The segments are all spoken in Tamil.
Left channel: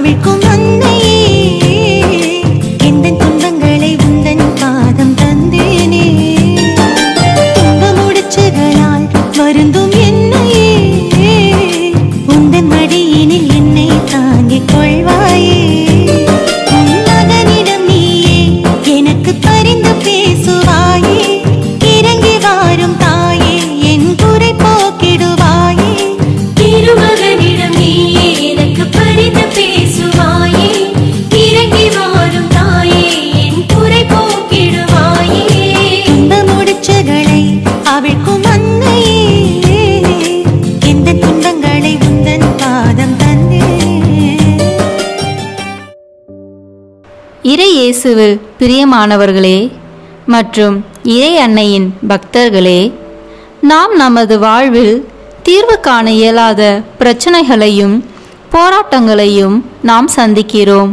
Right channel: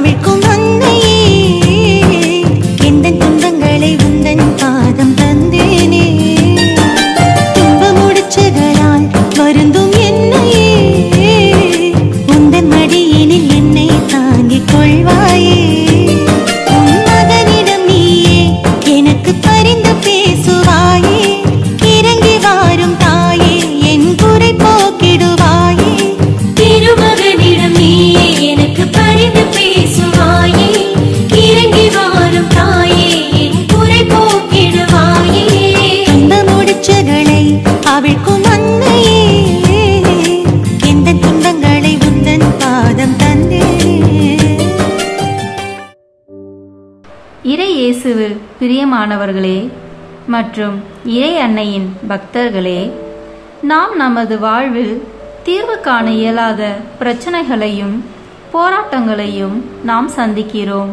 அவிழ்க்கும் அன்னையே, எந்தன் துன்பங்களை உந்தன் பாதம் தந்தேனே. துன்ப முடிச்சுகளால் வருந்தும் என்னையே, உந்தன் மடியினில் என்னை தாங்கிக் கொள்வாயே. உன் மகனிடம் நீயே எனக்கு பரிந்து பேசுவாயே, இறங்கி வாரும் தாயே என் குறை போக்கிடுவாயே. திருமகனிடம் நீயே எனக்கு பரிந்து பேசுவாயே, இறங்கி வாரும் தாயே என் குறை போக்கிடுவாயே. துன்ப முடிச்சுகளை அவிழ்க்கும் அன்னையே, எந்த துன்பங்களை உந்தன் பாதம் தந்தே. இறை இயேசுவில் பிரியமானவர்களே மற்றும் இறை அன்னையின் பக்தர்களே, நாம் நமது வாழ்வில் தீர்வு காண இயலாத பிரச்சனைகளையும் போராட்டங்களையும் நாம் சந்திக்கிறோம்.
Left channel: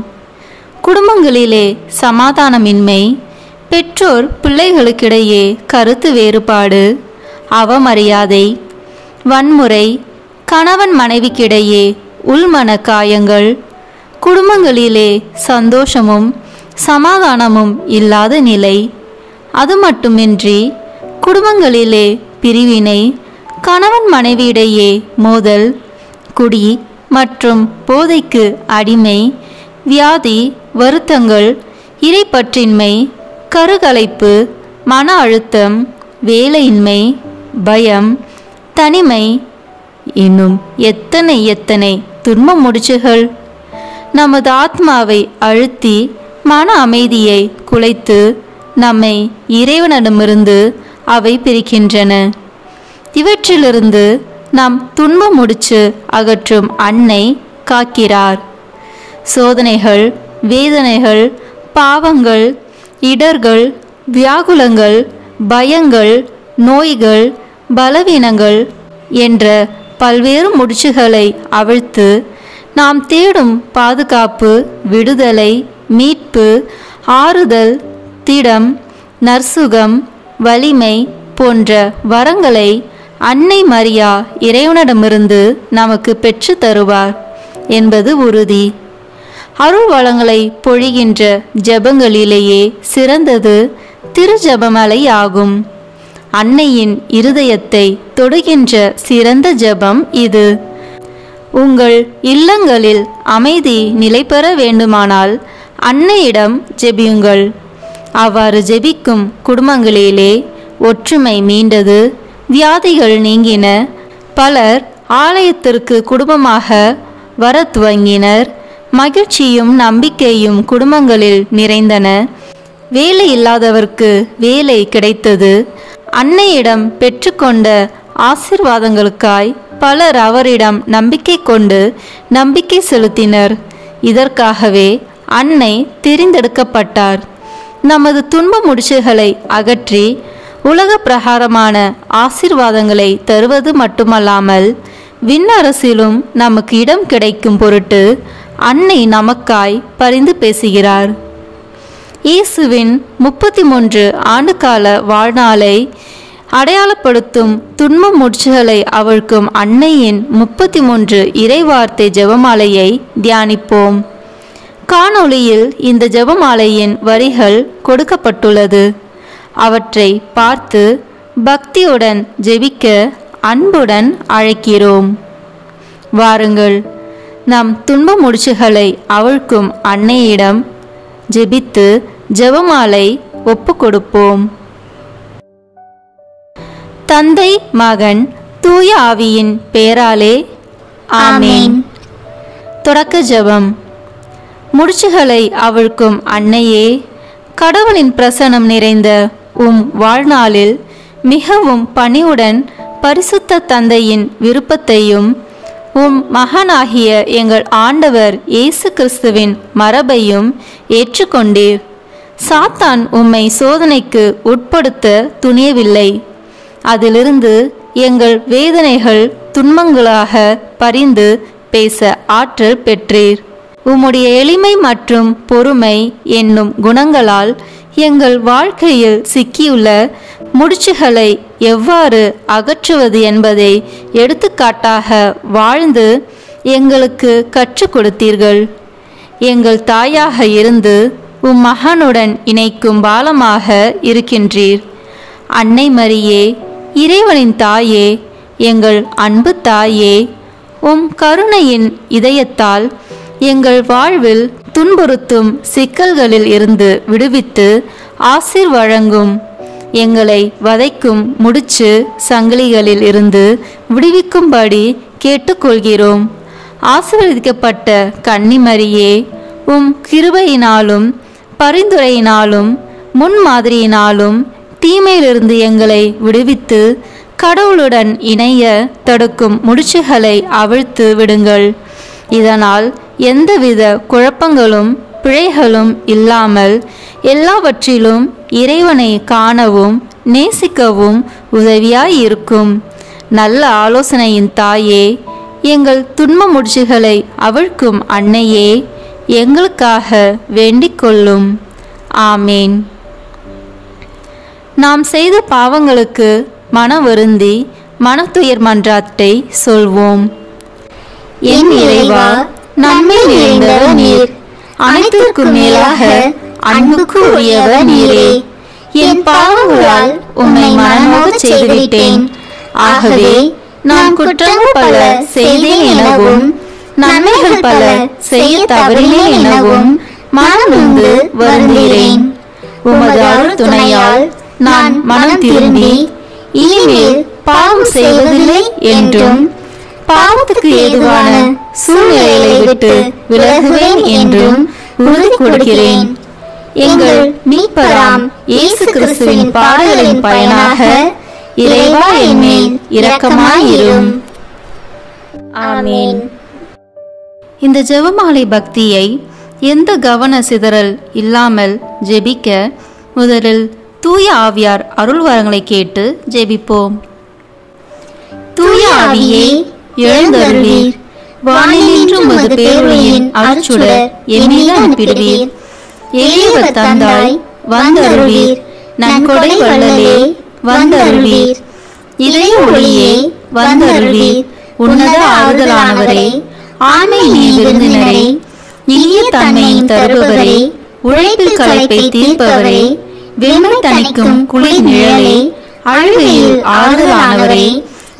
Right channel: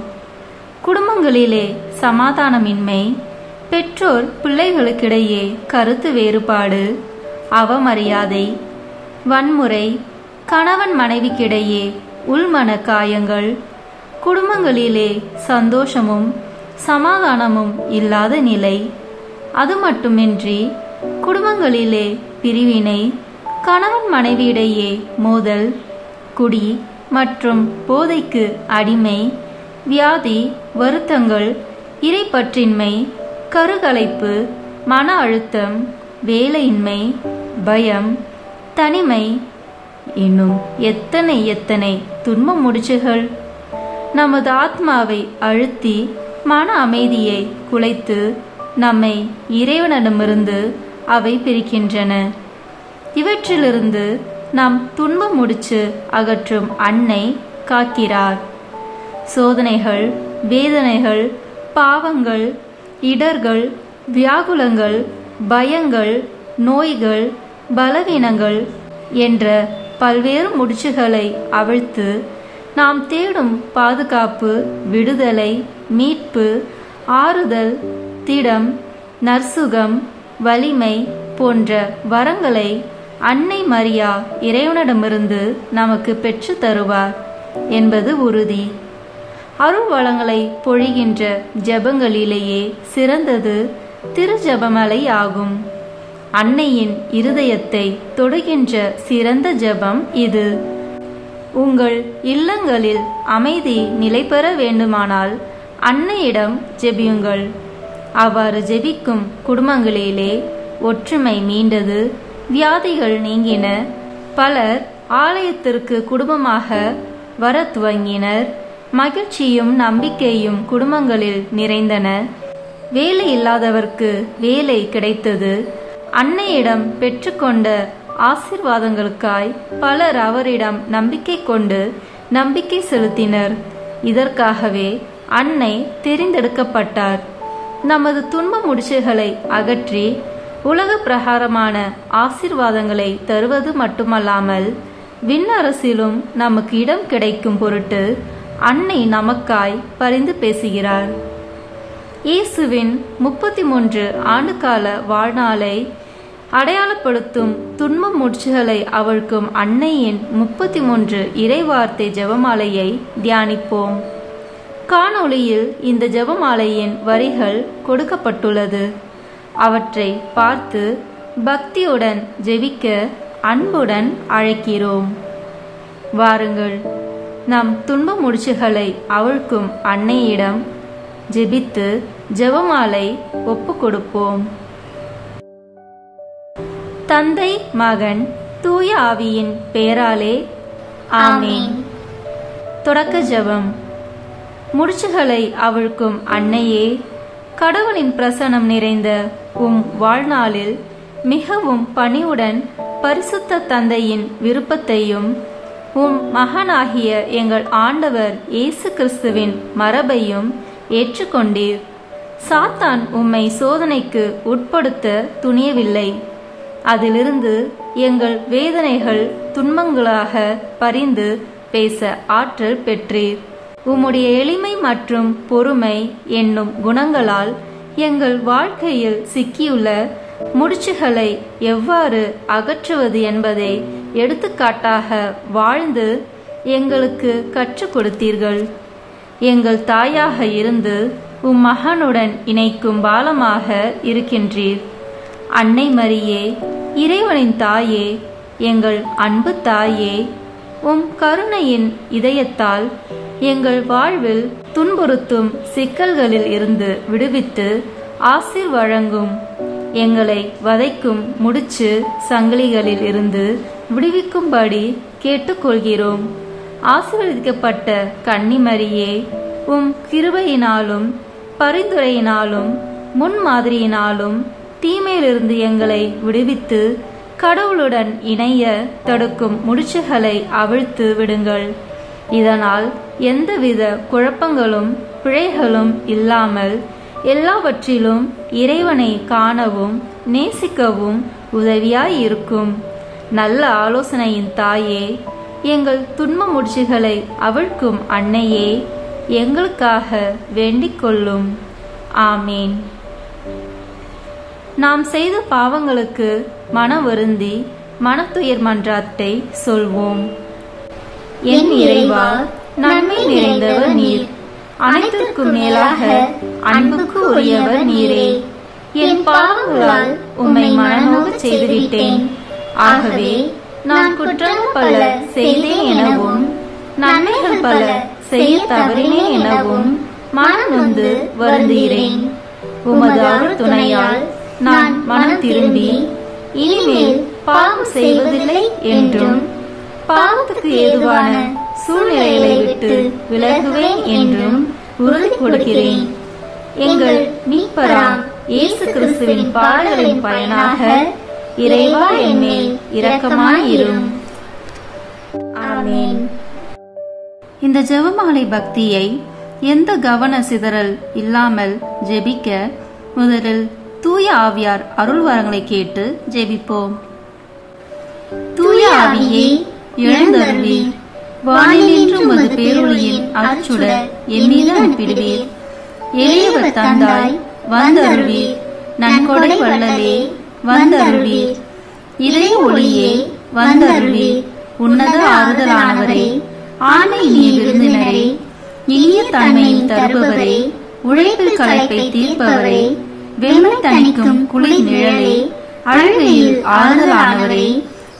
குடும்பங்களிலே சமாதானமின்மை, பெற்றோர் பிள்ளைகளுக்கிடையே கருத்து வேறுபாடு, அவமரியாதை, வன்முறை, கணவன் மனைவிக்கிடையே உள்மன காயங்கள், குடும்பங்களிலே சந்தோஷமும் சமாதானமும் இல்லாத நிலை. அது மட்டுமின்றி குடும்பங்களிலே பிரிவினை, கணவன் மனைவியிடையே மோதல், குடி மற்றும் போதைக்கு அடிமை, வியாதி, வருத்தங்கள், இறைப்பற்றின்மை, கருகலைப்பு, மன அழுத்தம், வேலையின்மை, பயம், தனிமை, இன்னும் எத்தனை எத்தனை துன்ப முடிச்சுகள் நமது ஆத்மாவை அழுத்தி மன அமைதியை குலைத்து நம்மை இறைவனிடமிருந்து அவை பிரிக்கின்றன. இவற்றிலிருந்து நாம் துன்ப முடிச்சு அகற்றும் அன்னை காக்கிறார். சோதனைகள், வேதனைகள், பாவங்கள், இடர்கள், வியாகுலங்கள், பயங்கள், நோய்கள், பலவீனங்கள் என்ற பல்வேறு முடிச்சுகளை அவிழ்த்து நாம் தேடும் பாதுகாப்பு, விடுதலை, மீட்பு, ஆறுதல், திடம், நற்சுகம், வலிமை போன்ற வரங்களை அன்னை மரியா இறைவனிடமிருந்து நமக்கு பெற்று தருவார் என்பது உறுதி. அருள் வளங்களை பொழிகின்ற ஜெபங்களிலேயே சிறந்தது திருஜெபமலை ஆகும். அன்னையின் இருதயத்தை தொடுகின்ற சிறந்த ஜெபம் இது. உங்கள் இல்லங்களில் அமைதி நிலை பெற வேண்டுமானால் அன்னையிடம் ஜெபியுங்கள். அவ்வாறு ஜெபிக்கும் குடும்பங்களிலே ஒற்றுமை மீண்டது, வியாதிகள் நீங்கின, பலர் ஆலயத்திற்கு குடும்பமாக வர துவங்கினர், மகிழ்ச்சியும் நம்பிக்கையும் குடும்பங்களில் நிறைந்தன, வேலை இல்லாதவர்க்கு வேலை கிடைத்தது. அன்னையிடம் பெற்றுக்கொண்ட ஆசீர்வாதங்களுக்காய் பலர் அவரிடம் நம்பிக்கை கொண்டு நம்பிக்கை செலுத்தினர். இதற்காகவே அன்னை தெரிந்தெடுக்கப்பட்டார். நமது துன்ப முடிச்சுகளை அகற்றி உலக பிரகாரமான ஆசீர்வாதங்களை தருவது மட்டுமல்லாமல் விண்ணரசிலும் நமக்கு இடம் கிடைக்கும் பொருட்டு அன்னை நமக்காய் பரிந்து பேசுகிறார். இயேசுவின் 33 ஆண்டுகால வாழ்நாளை அடையாளப்படுத்தும் துன்ப முடிச்சுகளை அவிழ்க்கும் அன்னையின் 33 இறைவார்த்தை ஜெபமாலையை தியானிப்போம். காணொளியில் இந்த ஜெபமாலையின் வரிகள் கொடுக்கப்பட்டுள்ளது. அவற்றை பார்த்து பக்தியுடன் ஜெபிக்க அன்புடன் அழைக்கிறோம். வாருங்கள், நம் துன்ப முடிச்சுகளை அவிழ்க்கும் அன்னையிடம் ஜெபித்து ஜெபமாலை ஒப்பு கொடுப்போம். தந்தை, மகன், தூய ஆவியின் பெயராலே ஆமென். தொடக்க ஜெபம். முடிச்சுகளை அவிழ்க்கும் அன்னையே, கடவுளின் பிரசன்னம் நிறைந்த உம் வாழ்நாளில் மிகவும் பணிவுடன் பரிசுத்த தந்தையின் விருப்பத்தையும் உம் மகனாகிய எங்கள் ஆண்டவர் இயேசு கிறிஸ்துவின் மரபையும் ஏற்றுக்கொண்டீர். சாத்தான் உம்மை சோதனைக்கு உட்படுத்த துணியவில்லை. அதிலிருந்து எங்கள் வேதனைகள் துன்பங்களாக பரிந்து பேச ஆற்றல் பெற்றீர். உம்முடைய எளிமை மற்றும் பொறுமை என்னும் குணங்களால் எங்கள் வாழ்க்கையில் சிக்கியுள்ள முடிச்சுகளை எவ்வாறு அகற்றுவது என்பதை எடுத்துக்காட்டாக வாழ்ந்து எங்களுக்கு கற்றுக் கொடுத்தீர்கள். எங்கள் தாயாக இருந்து உம் மகனுடன் இணைக்கும் பாலமாக இருக்கின்றீர். அன்னை மரியே, இறைவனின் தாயே, எங்கள் அன்பு தாயே, உம் கருணையின் இதயத்தால் எங்கள் வாழ்வில் துன்புறுத்தும் சிக்கல்களில் இருந்து விடுவித்து ஆசீர் வழங்கும். எங்களை வதைக்கும் முடிச்சு சங்கிலிகளில் இருந்து விடுவிக்கும்படி கேட்டுக்கொள்கிறோம். ஆசீர்வதிக்கப்பட்ட கன்னிமரியே, உம் கிருபையினாலும் பரிந்துரையினாலும் முன்மாதிரியினாலும் தீமையிலிருந்து எங்களை விடுவித்து கடவுளுடன் இணைய தடுக்கும் முடிச்சுகளை அவிழ்த்து விடுங்கள். இதனால் எந்தவித குழப்பங்களும் பிழைகளும் இல்லாமல் எல்லாவற்றிலும் இறைவனை காணவும் நேசிக்கவும் உதவியாய் இருக்கும். நல்ல ஆலோசனையின் தாயே, எங்கள் துன்ப முடிச்சுகளை அவிழ்க்கும் அன்னையே, எங்களுக்காக வேண்டிக் கொள்ளும். ஆமேன். நாம் செய்த பாவங்களுக்கு மன வருந்தி மனத்துயர் மன்றாட்டை சொல்வோம். என் இறைவா, நன்மை நிறைந்தவர் நீர், அனைத்திற்கும் மேலாக அன்புக்கு உரியவர் நீரே. என் பாவங்களால் உம்மை மனநோகச் செய்துவிட்டேன். ஆகவே நான் குற்றங்கள் பல செய்தேன் எனவும் நன்மைகள் பல செய்ய தவறினேன் எனவும் மனநொந்து வருந்துகிறேன். உமது அருள் துணையால் நான் மனம் திரும்பி இனிமேல் பாவம் செய்வதில்லை என்றும் பாவத்துக்கு ஏதுவான சூழ்நிலைகளை விட்டு விலகுவேன் என்றும் உறுதி கொடுக்கிறேன். எங்கள் மீட்பராம் இயேசு கிறிஸ்துவின் பாடுகளின் பயனாக இறைவா என் மேல் இரக்கமாயிரும். ஆமென். இந்த ஜெபமாலை பக்தியை எந்த கவன சிதறல் இல்லாமல் ஜெபிக்க முதலில் தூய ஆவியார் அருள் வரங்களை கேட்டு ஜெபிப்போம். தூய ஆவியே, எழுந்தருளீர். வானினின்று உமது பேரொளியின் அருட்சுடர் என் மீது அனுப்பிடுவீர். எளியவர் தந்தாய் வந்தருளீர். நன்கொடை வள்ளலே வந்தருளீர். இதய ஒளியே வந்தருளீர். உன்னத ஆறுதலானவரே, ஆண்மை நீ விருந்தினரே, இனிய தன்மையின் தருபவரே, உழைப்பில் களைப்பை தீர்ப்பவரே, வெண்மை தணிக்கும் குளிர் நிழலே, அழுகையில் ஆறுதலானவரே,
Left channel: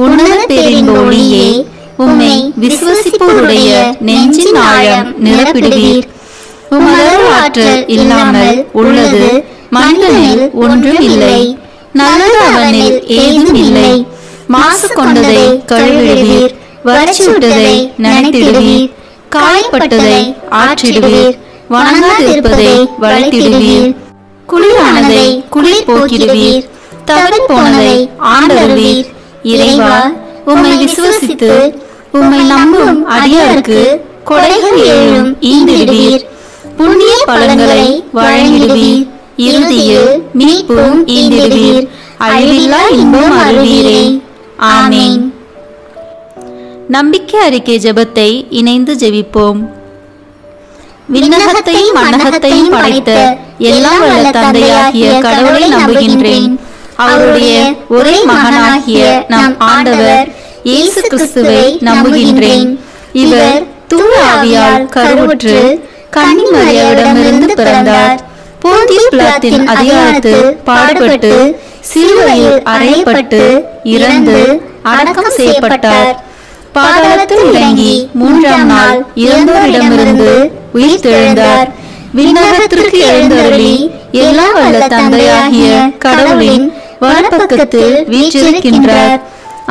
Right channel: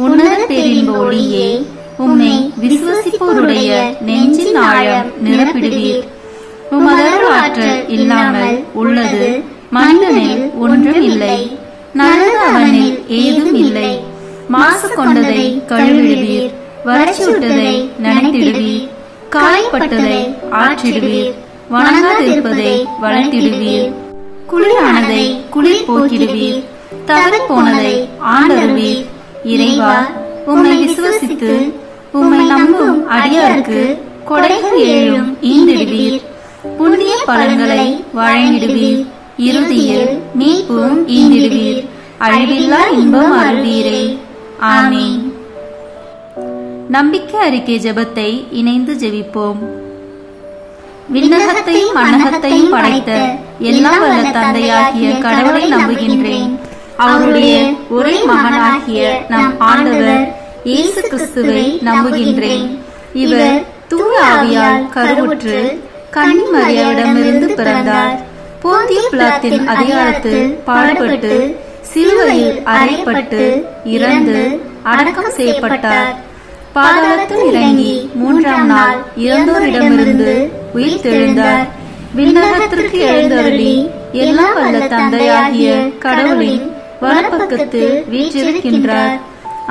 உன்னத பேரின் ஒளியே, உம்மை விசுவசிப்போருடைய நெஞ்சின் ஆழம் நிரப்பிடுவீர். உமது ஆற்றல் இல்லாமல் உள்ளது மனிதனில் ஒன்றும் இல்லை. நல்லது அவனில் ஏதும் இல்லை. மாசு கொண்டதை கழுவிடுவீர். வறட்சி விட்டதை நனைத்திடுவீர். காயப்பட்டதை ஆற்றிடுவீர். வணங்காதிருப்பதை வளைத்திடுவீர். குளிரானதை குளிர் போக்கிடுவீர். தவறி போனதை ஆண்டருவீர். இறைவா, உம்மை விசுவசித்து உம்மை நம்பும் அடியாருக்கு கொடைகள் ஏழும் ஈந்திடுவீர். புண்ணிய பலன்களை வழங்கிடுவீர். இறுதியில் மீட்பும் ஈந்திடுவீர். அழிவில்லா இன்பம் அருள்வீரே. ஆமென். நம்பிக்கை அறிக்கை ஜெபத்தை இணைந்து ஜெபிப்போம். விண்ணகத்தையும் மண்ணகத்தையும் படைத்த எல்லாம் வல்ல தந்தையாகிய கடவுளை நம்புகின்றேன். அவருடைய ஒரே மகனாகிய நம் ஆண்டவர் இயேசு கிறிஸ்துவை நம்புகின்றேன். இவர் தூய ஆவியால் கருவுற்று கன்னி மரியாவிடமிருந்து பிறந்தார். போந்திய பிலாத்தின் அதிகாரத்தில் பாடுபட்டு சிலுவையில் அறையப்பட்டு இறந்து அடக்கம் செய்யப்பட்டார். பாதாளத்தில் இறங்கி மூன்றாம் நாள் இறந்தோரிடமிருந்து உயிர் தெழுந்தார். விண்ணகத்திற்கு எழுந்தருளி எல்லா வல்ல தந்தையாகிய கடவுளின் வலப்பக்கத்தில் வீற்றிருக்கின்றார்.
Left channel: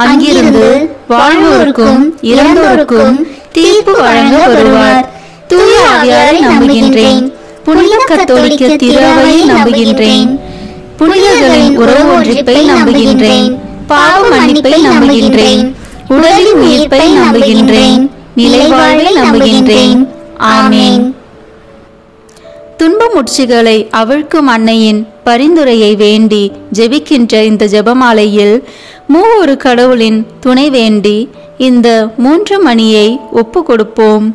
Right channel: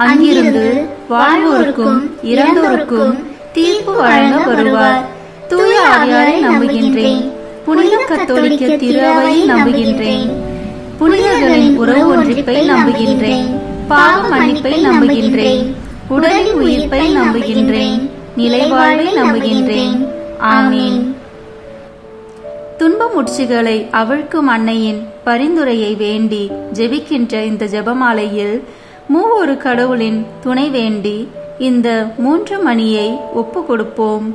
அங்கிருந்து வாழ்வோருக்கும் இறந்தோருக்கும் தீர்ப்பு வழங்க வருவார். தூய ஆவியாரை நம்புகின்றேன். புனித கத்தோலிக்க திருவையை நம்புகின்றேன். புனிதர்களின் உறவு ஒன்றிப்பை நம்புகின்றேன். பாவ மன்னிப்பை நம்புகின்றேன். உடலின் உயிர்ப்பை நம்புகின்றேன். நிலை வாழ்வை நம்புகின்றேன். ஆமென். துன்ப முட்சிகளை அவிழ்க்கும் அன்னையின் பரிந்துரையை வேண்டி ஜெபிக்கின்ற இந்த ஜெபமாலையில் மூவொரு கடவுளின் துணை வேண்டி இந்த 3 மணியை ஒப்பு கொடுப்போம்.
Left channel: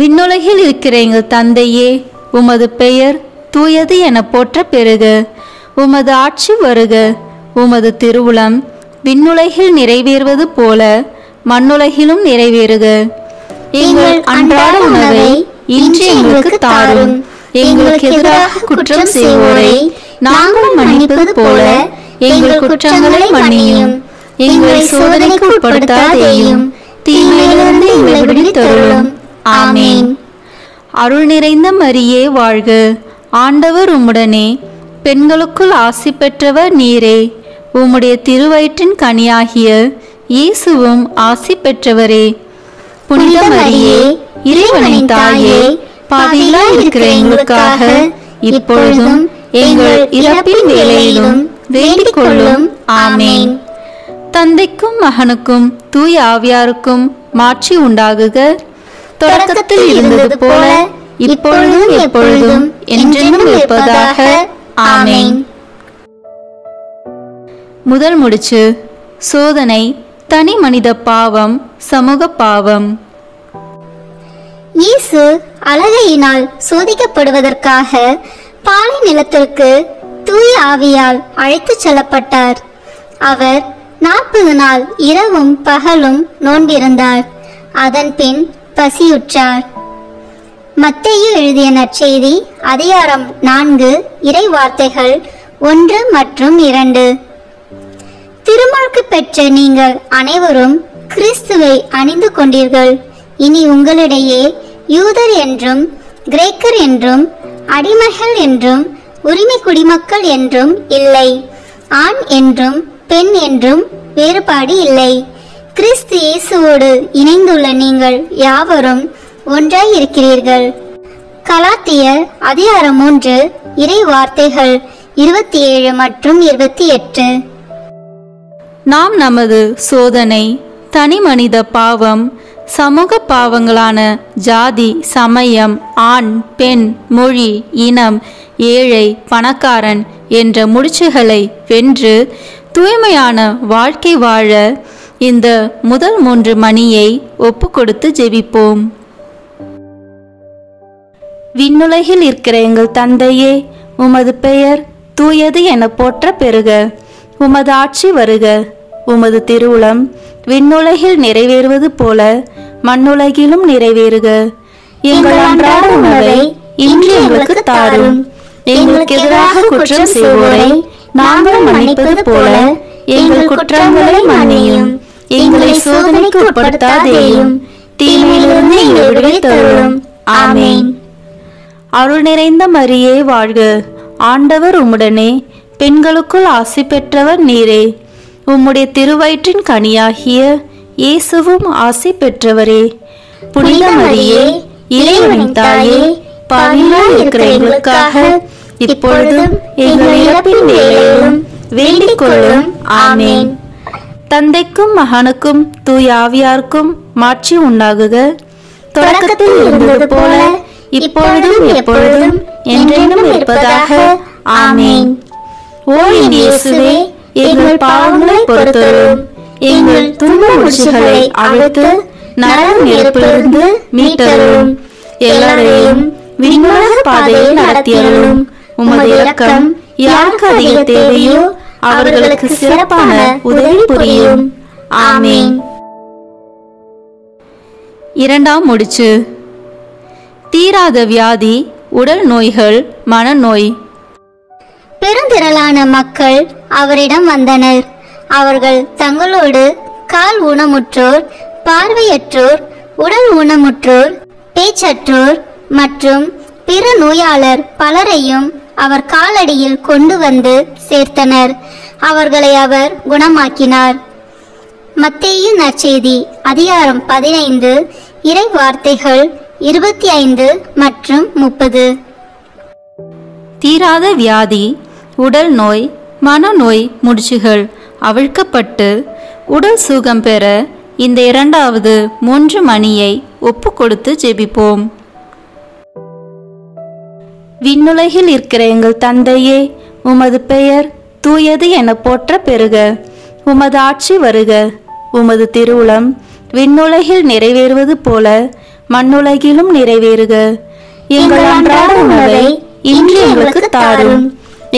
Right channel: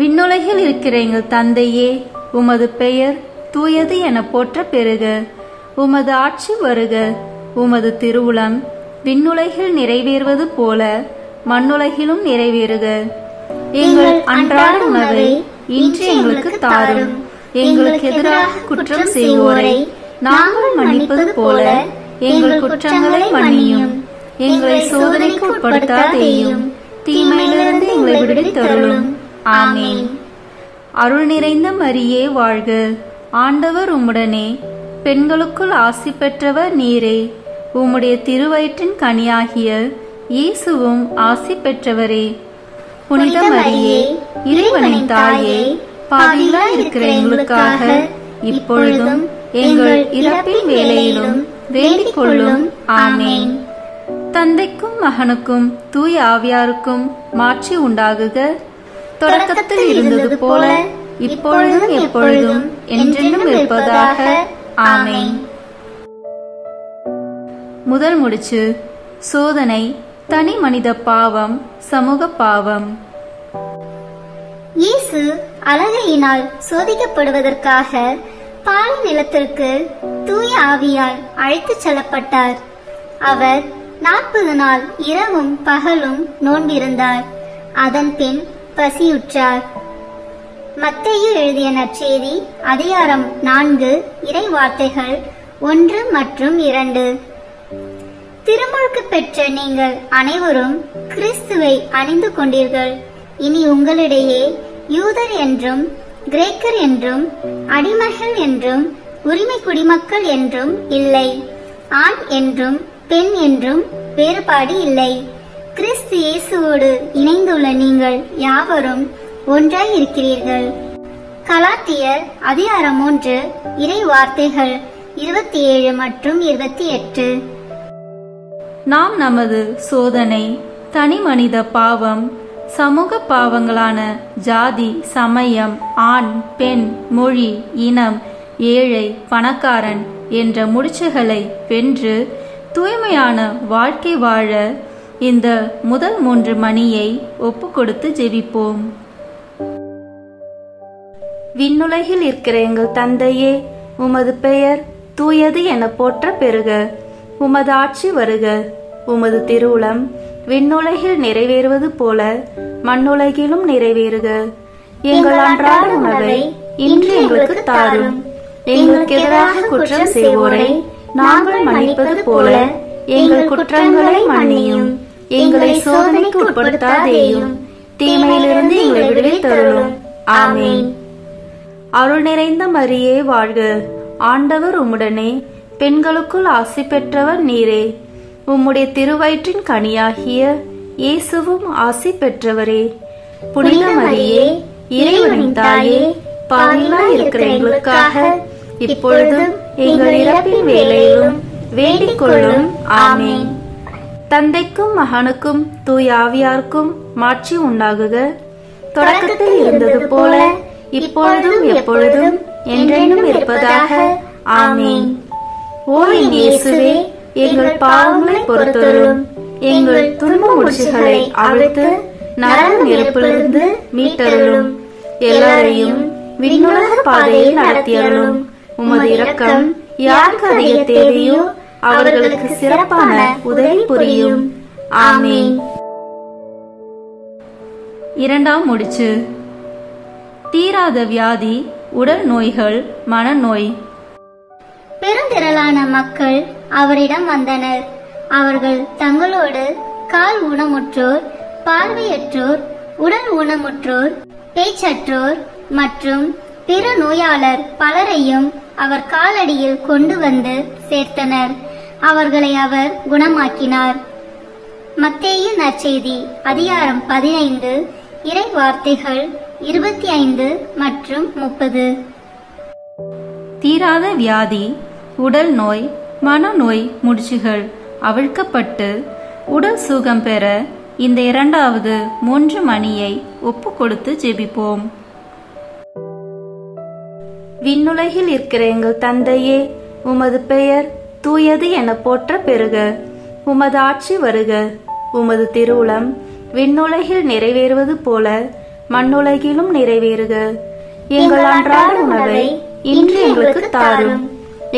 விண்ணுலகில் இருக்கிற எங்கள் தந்தையே, உமது பெயர் தூயது என போற்ற பெறுக. உமது ஆட்சி வருக. உமது திருவுளம் விண்ணுலகில் நிறைவேறுவது போல மண்ணுலகிலும் நிறைவேறுக. எங்கள் அன்றாட உணவை இன்று எங்களுக்கு தாரும். எங்களுக்கு எதிராக குற்றம் செய்வோரை நாங்கள் மன்னிப்பது போல எங்கள் குற்றங்களை மன்னியும். எங்களை சோதனைக்கு உட்படுத்தாதேயும், தீமையிலிருந்து எங்களை விடுவித்தருளும். ஆமென். அருள் நிறைந்த மரியே வாழ்க, ஆண்டவர் உம்முடனே, பெண்களுக்குள் ஆசி பெற்றவர் நீரே. உம்முடைய திருவயிற்றின் கனியாகிய இயேசுவும் ஆசி பெற்றவரே. புனித மரியே, இறைவனின் தாயே, பாவிகளாய் இருக்கிற எங்களுக்காக இப்பொழுதும் எங்கள் இறப்பின் வேளையிலும் வேண்டிக் கொள்ளும். ஆமென். தந்தைக்கும் மகனுக்கும் தூய ஆவியாருக்கும் மாட்சி உண்டாகுக, தொடக்கத்தில் இருந்தது போல இப்பொழுதும் எப்பொழுதும் என்றென்றும் இருப்பதாக. ஆமென். முதல் முடிச்சு. சோதனை, தனி மனித பாவம், சமூக பாவம். இயேசு அழகையினால் சோதிக்கப்படுவதற்காக பாலை நிலத்திற்கு தூய ஆவியால் அழைத்துச் செல்லப்பட்டார். அவர் 40 நாள் இரவும் பகலும் நோன்பிருந்தார். அதன் பின் பசியுற்றார். மத்தேயு எழுதிய நற்செய்தி அதிகாரம் 4 இறை வார்த்தைகள் 1 மற்றும் 2. திருமார்க்கு பெற்ற நீங்கள் அனைவரும் கிறிஸ்துவை அணிந்து கொண்டீர்கள். இனி உங்களிடையே யூதர் என்றும் கிரேக்கர் என்றும் அடிமைகள் என்றும் உரிமை குடிமக்கள் என்றும் இல்லை, ஆண் என்றும் பெண் என்றும் வேறுபாடு இல்லை. கிறிஸ்து இயேசுவோடு இணைந்துள்ள நீங்கள் யாவரும் ஒன்றாய் இருக்கிறீர்கள். கலாத்தியர் அதிகாரம் 3 இறை வார்த்தைகள் 27 மற்றும் 28. நாம் நமது சோதனை, தனி மனித பாவம், சமூக பாவங்களான ஜாதி, சமயம், ஆண் பெண், மொழி, இனம், ஏழை பணக்காரன் என்ற முடிச்சுகளை வென்று தூய்மையான வாழ்க்கை வாழ இந்த முதல் 3 மணியை ஒப்பு கொடுத்து ஜெபிப்போம். விண்ணுலகில் இருக்கிற எங்கள் தந்தையே, உமது பெயர் தூயது என போற்ற பெறுக. உமது ஆட்சி வருக. உமது திருவுளம் விண்ணுலகில் நிறைவேறுவது போல மண்ணுலகிலும் நிறைவேறுக. எங்கள் அன்றாட உணவை இன்று எங்களுக்கு தாரும். எங்களுக்கு எதிராக குற்றம் செய்வோரை நாங்கள் மன்னிப்பது போல எங்கள் குற்றங்களை மன்னியும். எங்களை சோதனைக்கு உட்படுத்தாதேயும், தீமையிலிருந்து எங்களை விடுவித்தருளும். ஆமென். அருள் நிறைந்த மரியே வாழ்க, ஆண்டவர் உம்முடனே, பெண்களுக்குள் ஆசி பெற்றவர் நீரே. உம்முடைய திருவயிற்றின் கனியாகிய இயேசுவும் ஆசி பெற்றவரே. புனித மரியே, இறைவனின் தாயே, பாவிகளாய் இருக்கிற எங்களுக்காக இப்பொழுதும் எங்கள் இறப்பின் வேளையிலும் வேண்டிக் கொள்ளும். ஆமென். தந்தைக்கும் மகனுக்கும் தூய ஆவியாருக்கும் மாட்சி உண்டாகுக, தொடக்கத்தில் இருந்தது போல இப்பொழுதும் எப்பொழுதும் என்றென்றும் இருப்பதாக. ஆமென். ஓ என் இயேசுவே, எங்கள் பாவங்களை பொறுத்தருளும். எங்கள் துன்ப முடிச்சுகளை அவிழ்த்து நரக நெருப்பிலிருந்து மீட்டருளும். எல்லாரையும் விண்ணுலக பாதையில் நடத்தியருளும். உமது இரக்கம் யாருக்கு அதிக தேவையோ அவர்களுக்கு சிறப்பான உதவி புரியும். ஆமென். இரண்டாம் முடிச்சு. தீராத வியாதி, உடல் நோய்கள், மனநோய். பெருந்திரளான மக்கள் அவரிடம் வந்தனர். அவர்கள் தங்களோடு கால் ஊனமுற்றோர், பார்வையற்றோர், உடல் ஊனமுற்றோர், பேச்சற்றோர் மற்றும் பிற நோயாளர் பலரையும் அவர் காலடியில் கொண்டு வந்து சேர்த்தனர். அவர்களை அவர் குணமாக்கினார். மத்தேயு நற்செய்தி அதிகாரம் 15 இறை வார்த்தைகள் 25 மற்றும் 30. தீராத வியாதி, உடல் நோய், மனநோய் முடிச்சுகள் அவிழ்க்கப்பட்டு உடல் சுகம் பெற இந்த இரண்டாவது 3 மணியை ஒப்பு கொடுத்து ஜெபிப்போம். விண்ணுலகில் இருக்கிற எங்கள் தந்தையே, உமது பெயர் தூயது என போற்ற பெறுக. உமது ஆட்சி வருக. உமது திருவுளம் விண்ணுலகில் நிறைவேறுவது போல மண்ணுலகிலும் நிறைவேறுக. எங்கள் அன்றாட உணவை இன்று எங்களுக்கு தாரும்.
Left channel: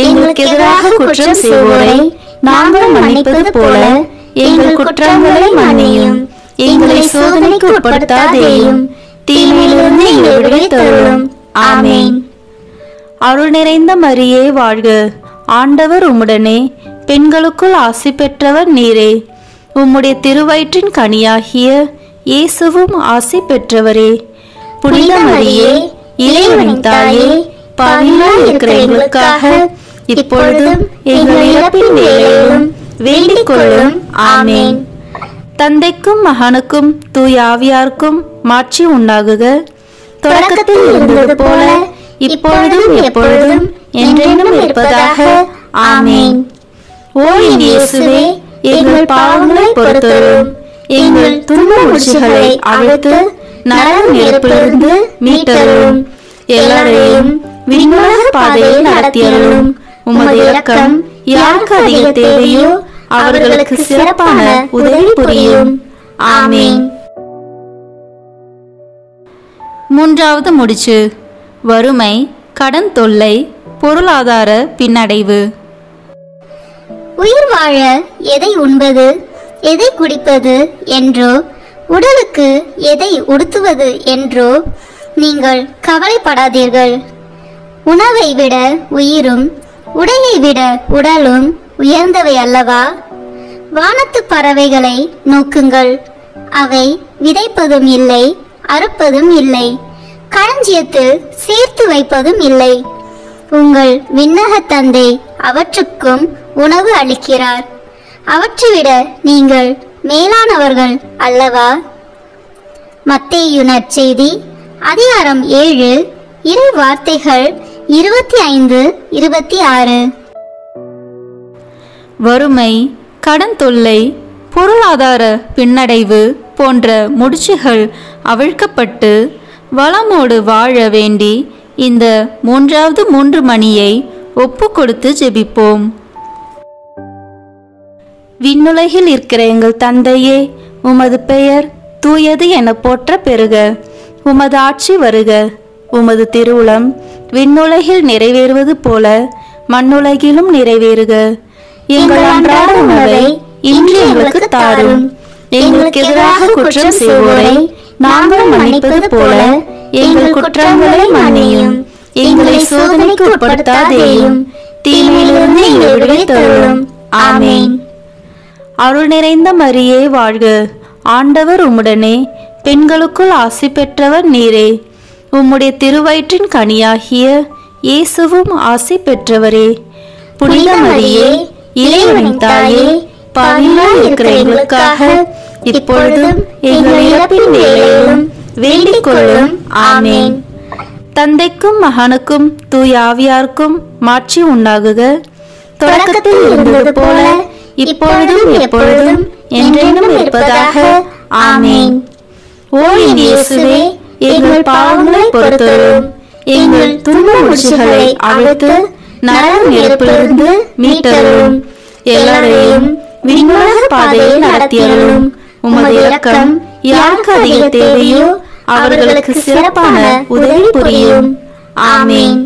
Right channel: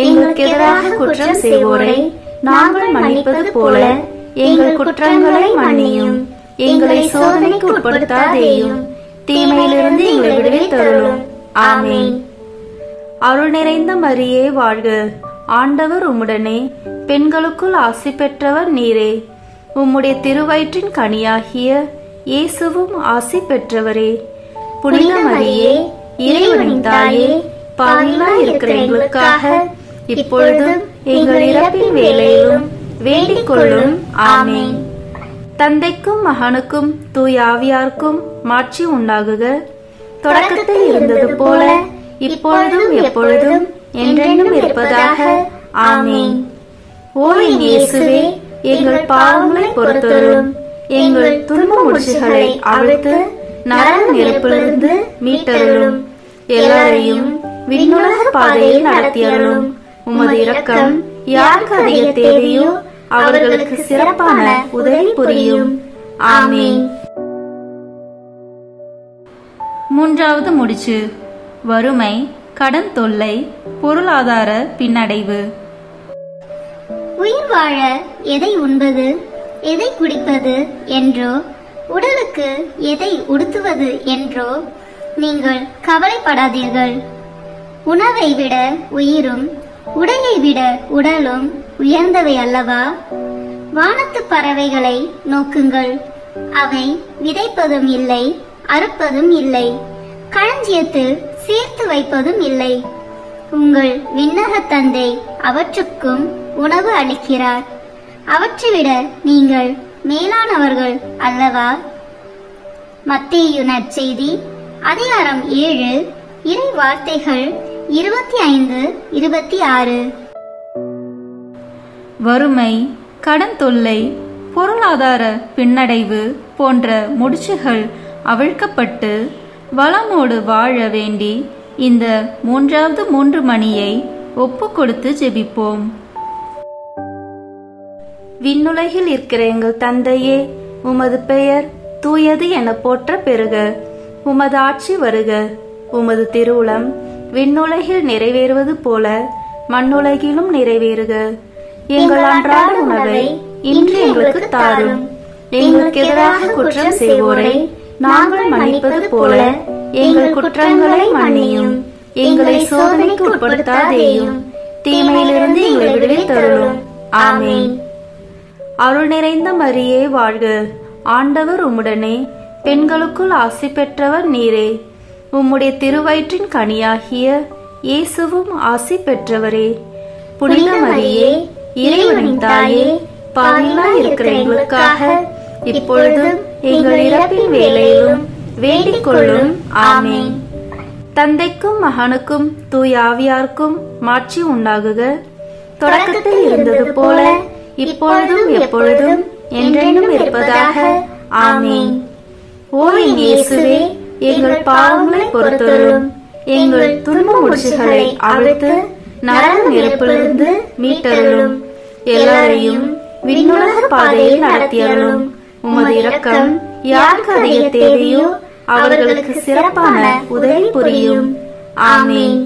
எங்களுக்கு எதிராக குற்றம் செய்வோரை நாங்கள் மன்னிப்பது போல எங்கள் குற்றங்களை மன்னியும். எங்களை சோதனைக்கு உட்படுத்தாதேயும், தீமையிலிருந்து எங்களை விடுவித்தருளும். ஆமென். அருள் நிறைந்த மரியே வாழ்க, ஆண்டவர் உம்முடனே, பெண்களுக்குள் ஆசி பெற்றவர் நீரே. உம்முடைய திருவயிற்றின் கனியாகிய இயேசுவும் ஆசி பெற்றவரே. புனித மரியே, இறைவனின் தாயே, பாவிகளாய் இருக்கிற எங்களுக்காக இப்பொழுதும் எங்கள் இறப்பின் வேளையிலும் வேண்டிக் கொள்ளும். ஆமென். தந்தைக்கும் மகனுக்கும் தூய ஆவியாருக்கும் மாட்சி உண்டாகுக. தொடக்கத்தில் இருந்தது போல இப்பொழுதும் எப்பொழுதும் என்றென்றும் இருப்பதாக. ஆமென். ஓ என் இயேசுவே, எங்கள் பாவங்களை பொறுத்தருளும். எங்கள் துன்ப முடிச்சுகளை அவிழ்த்து நரக நெருப்பிலிருந்து மீட்டருளும். எல்லாரையும் விண்ணுலக பாதையில் நடத்தியருளும். உமது இரக்கம் யாருக்கு அதிக தேவையோ அவர்களுக்கு சிறப்பான உதவி புரியும். ஆமென். மூன்றாவது முடிச்சு, வறுமை, கடன் தொல்லை, பொருளாதார பின்னடைவு. உயிர் வாழ எதை உண்பது, எதை குடிப்பது என்றோ, உடலுக்கு எதை உடுத்துவது என்றோ நீங்கள் கவலைப்படாதீர்கள். உணவை விட உயிரும், உடையை விட உடலும் உயர்ந்தவை அல்லவா? வானத்து பறவைகளை நோக்குங்கள். அவை விதைப்பதும் இல்லை, அறுப்பதும் இல்லை, களஞ்சியத்தில் சேர்த்து வைப்பதும் இல்லை. உங்கள் விண்ணக தந்தை அவற்றுக்கும் உணவு அளிக்கிறார். அவற்றை விட நீங்கள் மேலானவர்கள் அல்லவா? மத்தேயு நற்செய்தி அதிகாரம் 7 இறை வார்த்தைகள் 25-26. வறுமை, கடன் தொல்லை, பொருளாதார பின்னடைவு போன்ற முடிச்சுகள் அவிழ்க்கப்பட்டு வளமோடு வாழ வேண்டி இந்த மூன்றாவது 3 மணியை ஒப்பு கொடுத்து ஜெபிப்போம். விண்ணுலகில் இருக்கிற எங்கள் தந்தையே, உமது பெயர் தூயது என போற்ற பெறுக. உமது ஆட்சி வருக. உமது திருவுளம் விண்ணுலகில் நிறைவேறுவது போல மண்ணுலகிலும் நிறைவேறுக. எங்கள் அன்றாட உணவை இன்று எங்களுக்கு தாரும். எங்களுக்கு எதிராக குற்றம் செய்வோரை நாங்கள் மன்னிப்பது போல எங்கள் குற்றங்களை மன்னியும். எங்களை சோதனைக்கு உட்படுத்தாதேயும், தீமையிலிருந்து எங்களை விடுவித்தருளும். ஆமென். அருள் நிறைந்த மரியே வாழ்க, ஆண்டவர் உம்முடனே, பெண்களுக்குள் ஆசி பெற்றவர் நீரே. உம்முடைய திருவயிற்றின் கனியாகிய இயேசுவும் ஆசி பெற்றவரே. புனித மரியே, இறைவனின் தாயே, பாவிகளாய் இருக்கிற எங்களுக்காக இப்பொழுதும் எங்கள் இறப்பின் வேளையிலும் வேண்டிக் கொள்ளும். ஆமென். தந்தைக்கும் மகனுக்கும் தூய ஆவியாருக்கும் மாட்சி உண்டாகுக. தொடக்கத்தில் இருந்தது போல இப்பொழுதும் எப்பொழுதும் என்றென்றும் இருப்பதாக. ஆமென். ஓ என் இயேசுவே, எங்கள் பாவங்களை பொறுத்தருளும். எங்கள் துன்ப முடிச்சுகளை அவிழ்த்து நரக நெருப்பிலிருந்து மீட்டருளும். எல்லாரையும் விண்ணுலக பாதையில் நடத்தியருளும். உமது இரக்கம் யாருக்கு அதிக தேவையோ அவர்களுக்கு சிறப்பான உதவி புரியும். ஆமென்.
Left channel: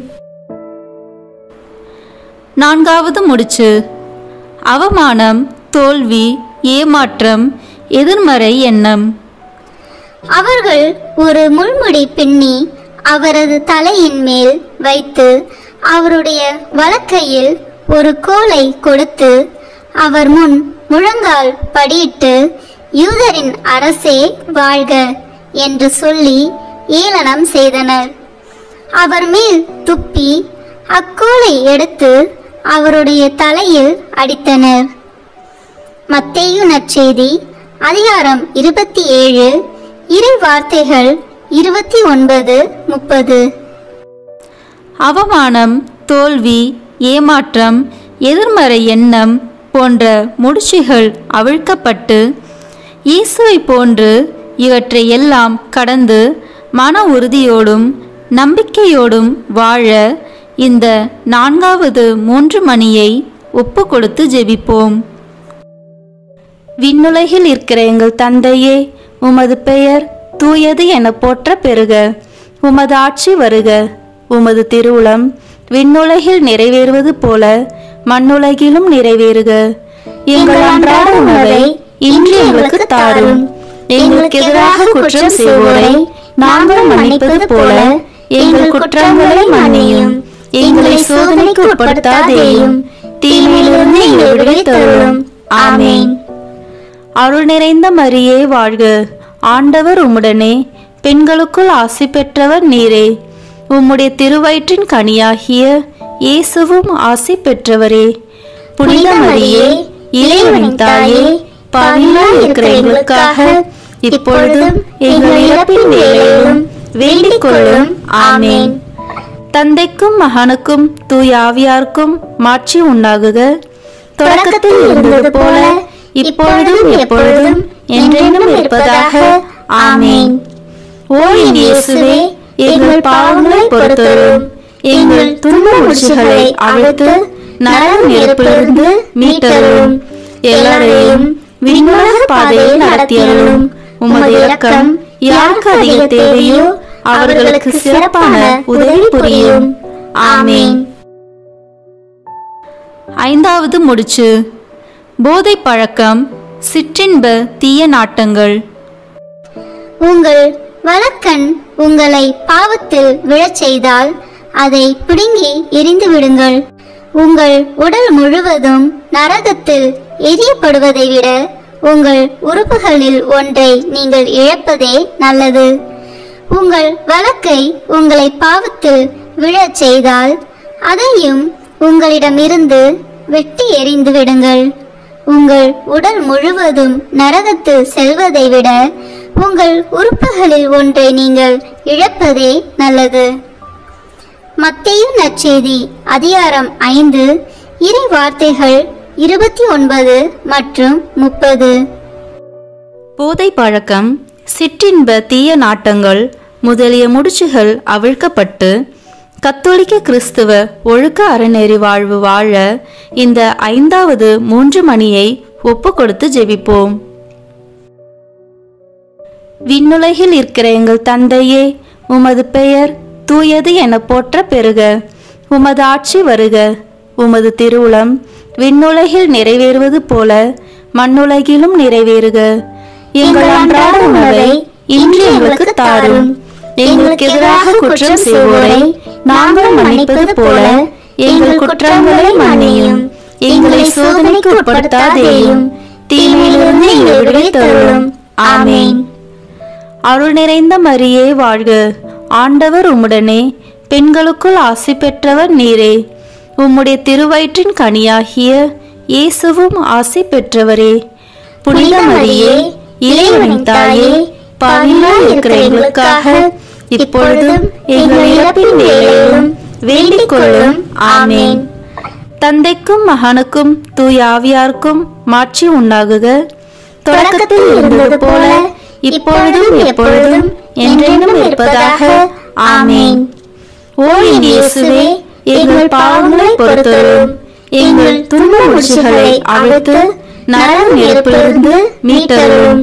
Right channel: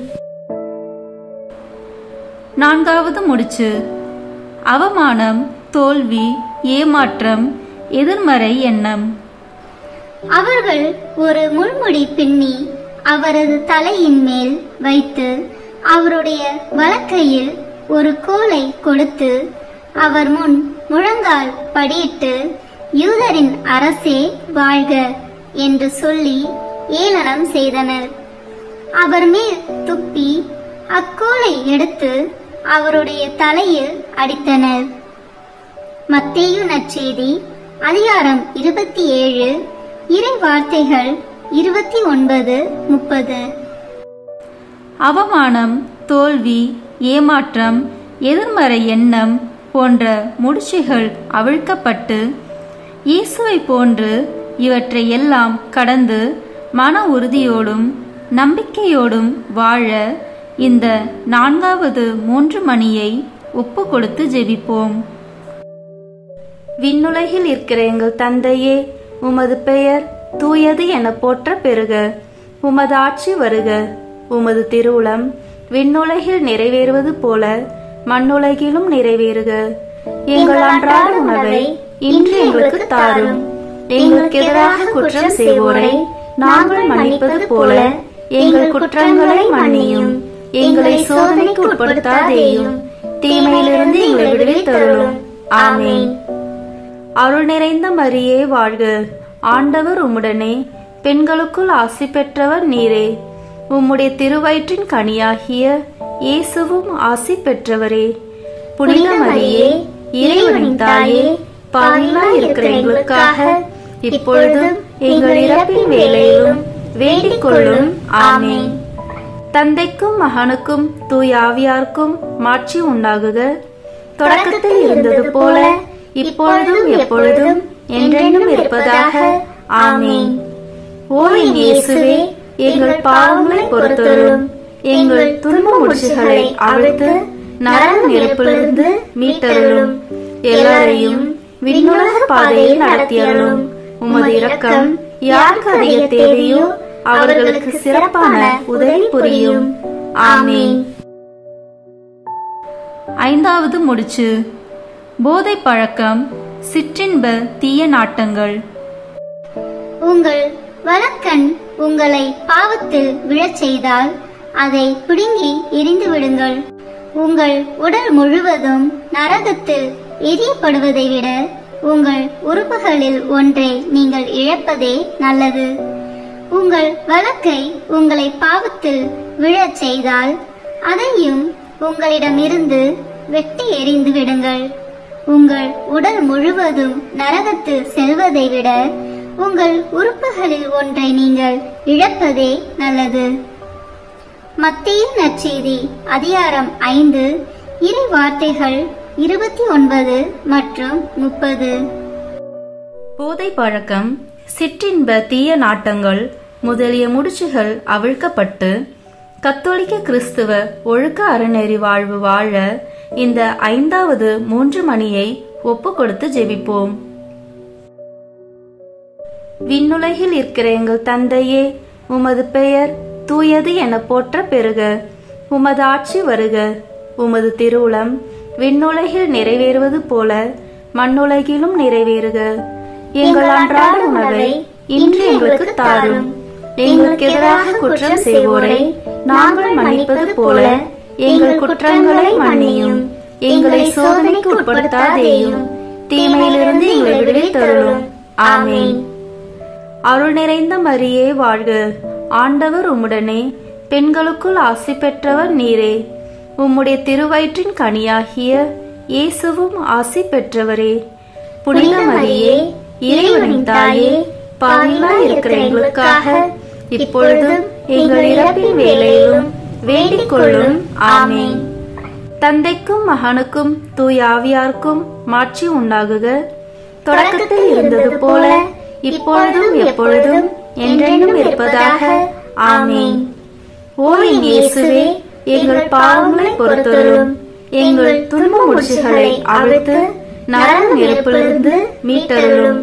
நான்காவது முடிச்சு, அவமானம், தோல்வி, ஏமாற்றம், எதிர்மறை எண்ணம். அவர்கள் ஒரு முள்முடி பின்னி அவரது தலையின் மேல் வைத்து அவருடைய வலக்கையில் ஒரு கோலை கொடுத்து அவர் முன் முழங்கால் படியிட்டு, யூதரின் அரசே வாழ்க என்று சொல்லி ஏளனம் செய்தனர். அவர் மேல் துப்பி அக்கோலை எடுத்து அவருடைய தலையில் அடித்தனர். மத்தேயு நற்செய்தி அதிகாரம் 27 இறை வார்த்தைகள் 29-30. அவமானம், தோல்வி, ஏமாற்றம், எதிர்மறை எண்ணம் போன்ற முடிச்சுகள் அவிழ்க்கப்பட்டு இயேசுவை போன்று இவற்றை எல்லாம் கடந்து மன உறுதியோடும் நம்பிக்கையோடும் வாழ இந்த நான்காவது 3 மணியை ஒப்பு கொடுத்து ஜெபிப்போம். விண்ணுலகில் இருக்கிற எங்கள் தந்தையே, உமது பெயர் தூயது என போற்ற பெறுக. உமது ஆட்சி வருக. உமது திருவுளம் விண்ணுலகில் நிறைவேறுவது போல மண்ணுலகிலும் நிறைவேறுக. எங்கள் அன்றாட உணவை இன்று எங்களுக்கு தாரும். எங்களுக்கு எதிராக குற்றம் செய்வோரை நாங்கள் மன்னிப்பது போல எங்கள் குற்றங்களை மன்னியும். எங்களை சோதனைக்கு உட்படுத்தாதேயும், தீமையிலிருந்து எங்களை விடுவித்தருளும். ஆமென். அருள் நிறைந்த மரியே வாழ்க, ஆண்டவர் உம்முடனே, பெண்களுக்குள் ஆசி பெற்றவர் நீரே. உம்முடைய திருவயிற்றின் கனியாகிய இயேசுவும் ஆசி பெற்றவரே. புனித மரியே, இறைவனின் தாயே, பாவிகளாய் இருக்கிற எங்களுக்காக இப்பொழுதும் எங்கள் இறப்பின் வேளையிலும் வேண்டிக் கொள்ளும். ஆமென். தந்தைக்கும் மகனுக்கும் தூய ஆவியாருக்கும் மாட்சி உண்டாகுக. தொடக்கத்தில் இருந்தது போல இப்பொழுதும் எப்பொழுதும் என்றென்றும் இருப்பதாக. ஆமென். ஓ என் இயேசுவே, எங்கள் பாவங்களை பொறுத்தருளும். எங்கள் துன்ப முடிச்சுகளை அவிழ்த்து நரக நெருப்பிலிருந்து மீட்டருளும். எல்லாரையும் விண்ணுலக பாதையில் நடத்தியருளும். உமது இரக்கம் யாருக்கு அதிக தேவையோ அவர்களுக்கு சிறப்பான உதவி புரியும். ஆமென். ஐந்தாவது முடிச்சு. போதை பழக்கம், சிற்றின்ப தீய நாட்டங்கள். உங்கள் வலக்கண் உங்களை பாவத்தில் விழச் செய்தால் அதை பிடுங்கி எரிந்து விடுங்கள். உங்கள் உடல் முழுவதும் நரகத்தில் எரியப்படுவதை விட உங்கள் உறுப்புகளில் ஒன்றை நீங்கள் இழப்பதே நல்லது. உங்கள் வலக்கை உங்களை பாவத்தில் விழச் செய்தால் அதையும் உங்களிடமிருந்து வெட்டி எறிந்து விடுங்கள். உங்கள் உடல் முழுவதும் நரகத்தில் செல்வதை விட உங்கள் உறுப்புகளில் ஒன்றை நீங்கள் இழப்பதே நல்லது. மத்தேயு நற்செய்தி அதிகாரம் 5 இறை வார்த்தைகள் 29 மற்றும் 30. போதை பழக்கம், சிற்றின்ப தீய நாட்டங்கள் முதலிய முடிச்சுகள் அவிழ்க்கப்பட்டு கத்தோலிக்க கிறிஸ்துவ ஒழுக்க அறநெறி வாழ்வு வாழ இந்த 5வது 3 மணியை ஒப்பு கொடுத்து ஜெபிப்போம். விண்ணுலகில் இருக்கிற எங்கள் தந்தையே, உமது பெயர் தூயது என போற்ற பெறுக. உமது ஆட்சி வருக. உமது திருவுளம் விண்ணுலகில் நிறைவேறுவது போல மண்ணுலகிலும் நிறைவேறுக. எங்கள் அன்றாட உணவை இன்று எங்களுக்கு தாரும். எங்களுக்கு எதிராக குற்றம் செய்வோரை நாங்கள் மன்னிப்பது போல எங்கள் குற்றங்களை மன்னியும். எங்களை சோதனைக்கு உட்படுத்தாதேயும், தீமையிலிருந்து எங்களை விடுவித்தருளும். ஆமென். அருள் நிறைந்த மரியே வாழ்க, ஆண்டவர் உம்முடனே, பெண்களுக்குள் ஆசி பெற்றவர் நீரே. உம்முடைய திருவயிற்றின் கனியாகிய இயேசுவும் ஆசி பெற்றவரே. புனித மரியே, இறைவனின் தாயே, பாவிகளாய் இருக்கிற எங்களுக்காக இப்பொழுதும் எங்கள் இறப்பின் வேளையிலும் வேண்டிக் கொள்ளும். ஆமென். தந்தைக்கும் மகனுக்கும் தூய ஆவியாருக்கும் மாட்சி உண்டாகுக. தொடக்கத்தில் இருந்தது போல இப்பொழுதும் எப்பொழுதும் என்றென்றும் இருப்பதாக. ஆமென். ஓ என் இயேசுவே, எங்கள் பாவங்களை பொறுத்தருளும். எங்கள் துன்ப முடிச்சுகளை அவிழ்த்து நரக நெருப்பிலிருந்து மீட்டருளும்.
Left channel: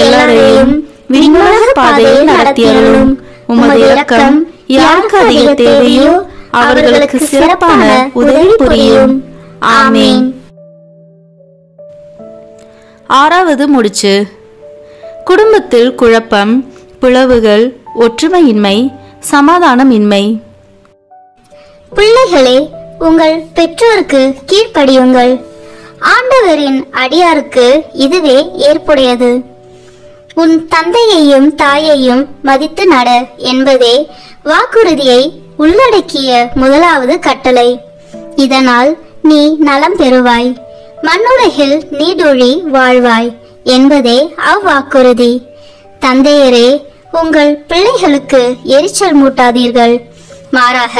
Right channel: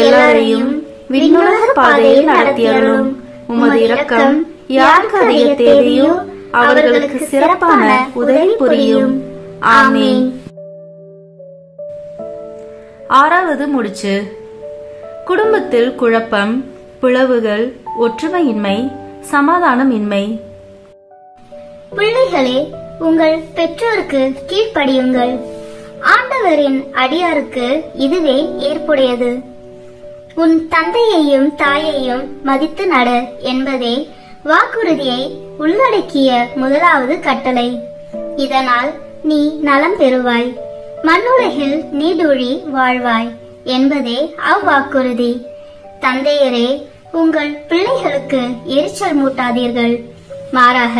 எல்லாரையும் விண்ணுலக பாதையில் நடத்தியருளும். உமது இரக்கம் யாருக்கு அதிக தேவையோ அவர்களுக்கு சிறப்பான உதவி புரியும். ஆமென். 6வது முடிச்சு. குடும்பத்தில் குழப்பம், பிளவுகள், ஒற்றுமையின்மை, சமாதானமின்மை. பிள்ளைகளே, உங்கள் பெற்றோருக்கு கீழ்ப்படியுங்கள். ஆண்டவரின் அடியாருக்கு இதுவே ஏற்புடையது. உன் தந்தையையும் தாயையும் மதித்து நட என்பதே வாக்குறுதியை உள்ளடக்கிய முதலாவது கட்டளை. இதனால் நீ நலம் பெறுவாய், மண்ணுலகில் நீடூழி வாழ்வாய் என்பதே அவ்வாக்குறுதி. தந்தையரே, உங்கள் பிள்ளைகளுக்கு எரிச்சல் மூட்டாதீர்கள். மாறாக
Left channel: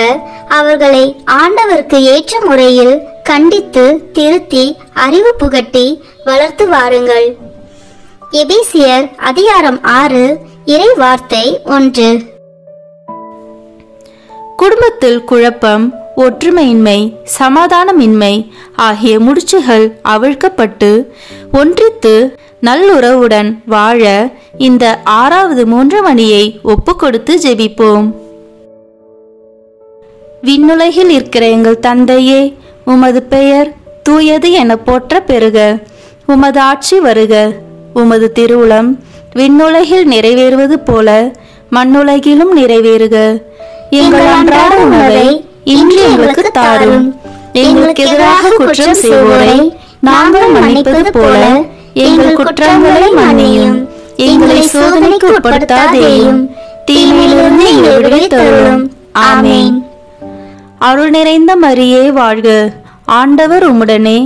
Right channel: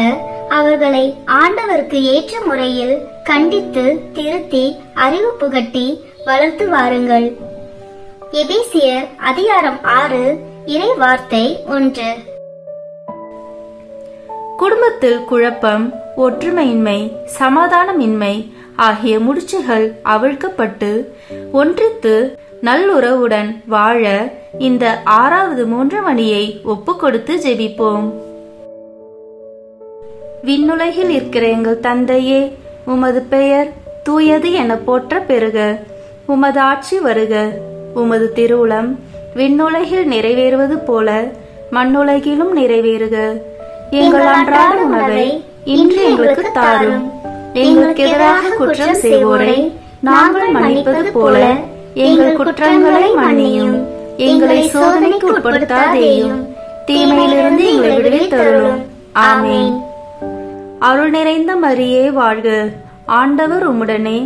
அவர்களை ஆண்டவருக்கு ஏற்ற முறையில் கண்டித்து திருத்தி அறிவு புகட்டி வளர்த்து வாருங்கள். எபேசியர் அதிகாரம் 6 இறை வார்த்தை 1. குடும்பத்தில் குழப்பம், ஒற்றுமையின்மை, சமாதானமின்மை ஆகிய முடிச்சுகள் அவிழ்க்கப்பட்டு ஒன்றித்து நல்லுறவுடன் வாழ இந்த 6வது 3 மணியை ஒப்பு கொடுத்து ஜெபிப்போம். விண்ணுலகில் இருக்கிற எங்கள் தந்தையே, உமது பெயர் தூயது என போற்ற பெறுக. உமது ஆட்சி வருக. உமது திருவுளம் விண்ணுலகில் நிறைவேறுவது போல மண்ணுலகிலும் நிறைவேறுக. எங்கள் அன்றாட உணவை இன்று எங்களுக்கு தாரும். எங்களுக்கு எதிராக குற்றம் செய்வோரை நாங்கள் மன்னிப்பது போல எங்கள் குற்றங்களை மன்னியும். எங்களை சோதனைக்கு உட்படுத்தாதேயும், தீமையிலிருந்து எங்களை விடுவித்தருளும். ஆமென். அருள் நிறைந்த மரியே வாழ்க, ஆண்டவர் உம்முடனே,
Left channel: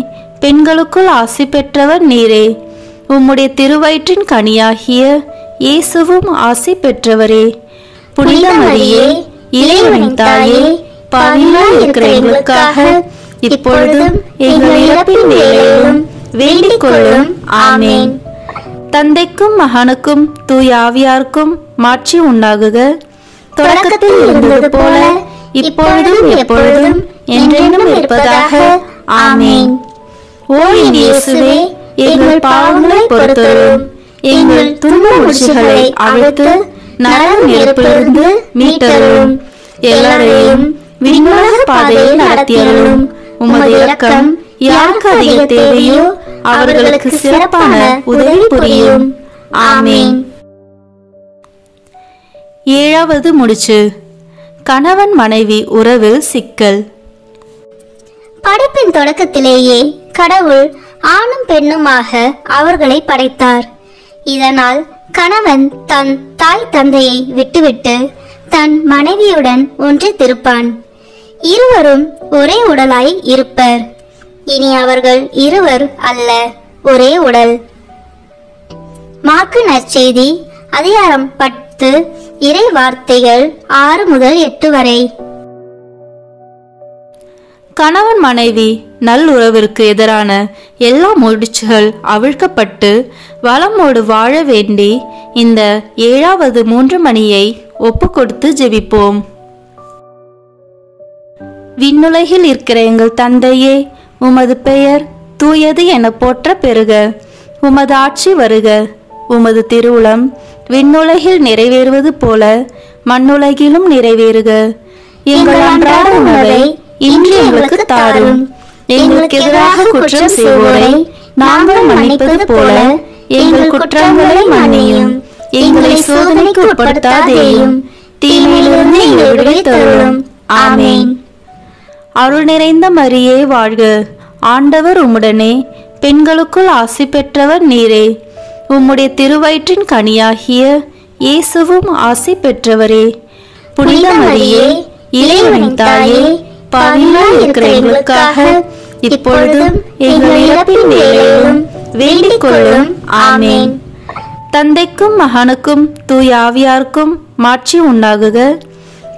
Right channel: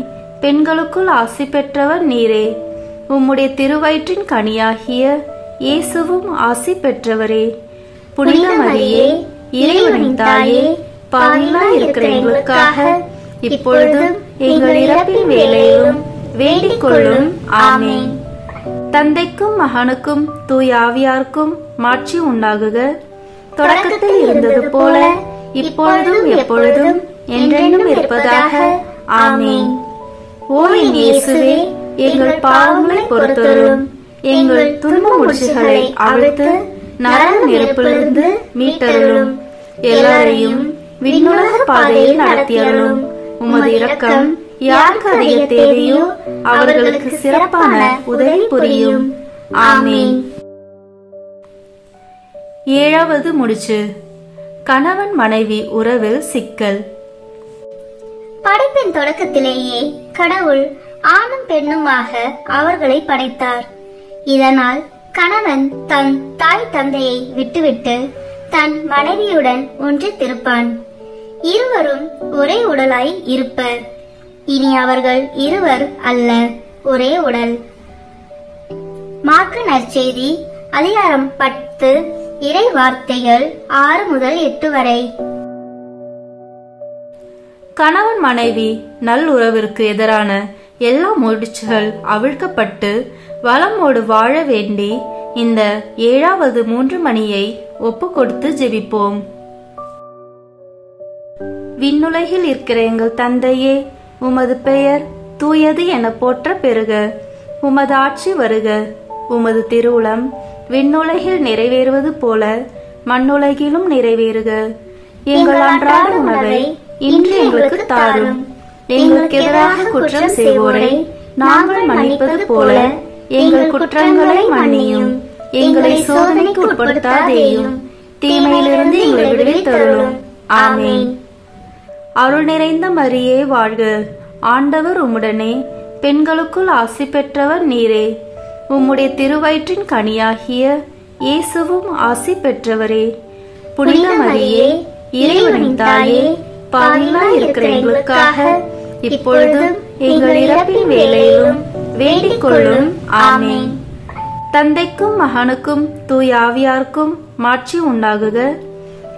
பெண்களுக்குள் ஆசி பெற்றவர் நீரே. உம்முடைய திருவயிற்றின் கனியாகிய இயேசுவும் ஆசி பெற்றவரே. புனித மரியே, இறைவனின் தாயே, பாவிகளாய் இருக்கிற எங்களுக்காக இப்பொழுதும் எங்கள் இறப்பின் வேளையிலும் வேண்டிக் கொள்ளும். ஆமென். தந்தைக்கும் மகனுக்கும் தூய ஆவியாருக்கும் மாட்சி உண்டாகுக. தொடக்கத்தில் இருந்தது போல இப்பொழுதும் எப்பொழுதும் என்றென்றும் இருப்பதாக. ஆமென். ஓ என் இயேசுவே, எங்கள் பாவங்களை பொறுத்தருளும். எங்கள் துன்ப முடிச்சுகளை அவிழ்த்து நரக நெருப்பிலிருந்து மீட்டருளும். எல்லாரையும் விண்ணுலக பாதையில் நடத்தியருளும். உமது இரக்கம் யாருக்கு அதிக தேவையோ அவர்களுக்கு சிறப்பான உதவி புரியும். ஆமென். ஏழாவது முடிச்சு. கணவன் மனைவி உறவில் சிக்கல். படைப்பின் தொடக்கத்திலேயே கடவுள் ஆணும் பெண்ணுமாக அவர்களை படைத்தார். இதனால் கணவன் தன் தாய் தந்தையை விட்டுவிட்டு தன் மனைவியுடன் ஒன்றித்திருப்பான். இருவரும் ஒரே உடலாய் இருப்பர். இனி அவர்கள் இருவர் அல்ல, ஒரே உடல். மாற்கு நற்செய்தி அதிகாரம் 10 இறை வார்த்தைகள் 6 முதல் 8 வரை. கணவன் மனைவி நல்லுறவிற்கு எதிரான எல்லா முடிச்சுகள் அவிழ்க்கப்பட்டு வளமோடு வாழ வேண்டி இந்த 7வது 3 மணியை ஒப்பு கொடுத்து ஜெபிப்போம். விண்ணுலகில் இருக்கிற எங்கள் தந்தையே, உமது பெயர் தூயது என போற்ற பெறுக. உமது ஆட்சி வருக. உமது திருவுளம் விண்ணுலகில் நிறைவேறுவது போல மண்ணுலகிலும் நிறைவேறுக. எங்கள் அன்றாட உணவை இன்று எங்களுக்கு தாரும். எங்களுக்கு எதிராக குற்றம் செய்வோரை நாங்கள் மன்னிப்பது போல எங்கள் குற்றங்களை மன்னியும். எங்களை சோதனைக்கு உட்படுத்தாதேயும், தீமையிலிருந்து எங்களை விடுவித்தருளும். ஆமென். அருள் நிறைந்த மரியே வாழ்க, ஆண்டவர் உம்முடனே, பெண்களுக்குள் ஆசி பெற்றவர் நீரே. உம்முடைய திருவயிற்றின் கனியாகிய இயேசுவும் ஆசி பெற்றவரே. புனித மரியே, இறைவனின் தாயே, பாவிகளாய் இருக்கிற எங்களுக்காக இப்பொழுதும் எங்கள் இறப்பின் வேளையிலும் வேண்டிக் கொள்ளும். ஆமென். தந்தைக்கும் மகனுக்கும் தூய ஆவியாருக்கும் மாட்சி உண்டாகுக.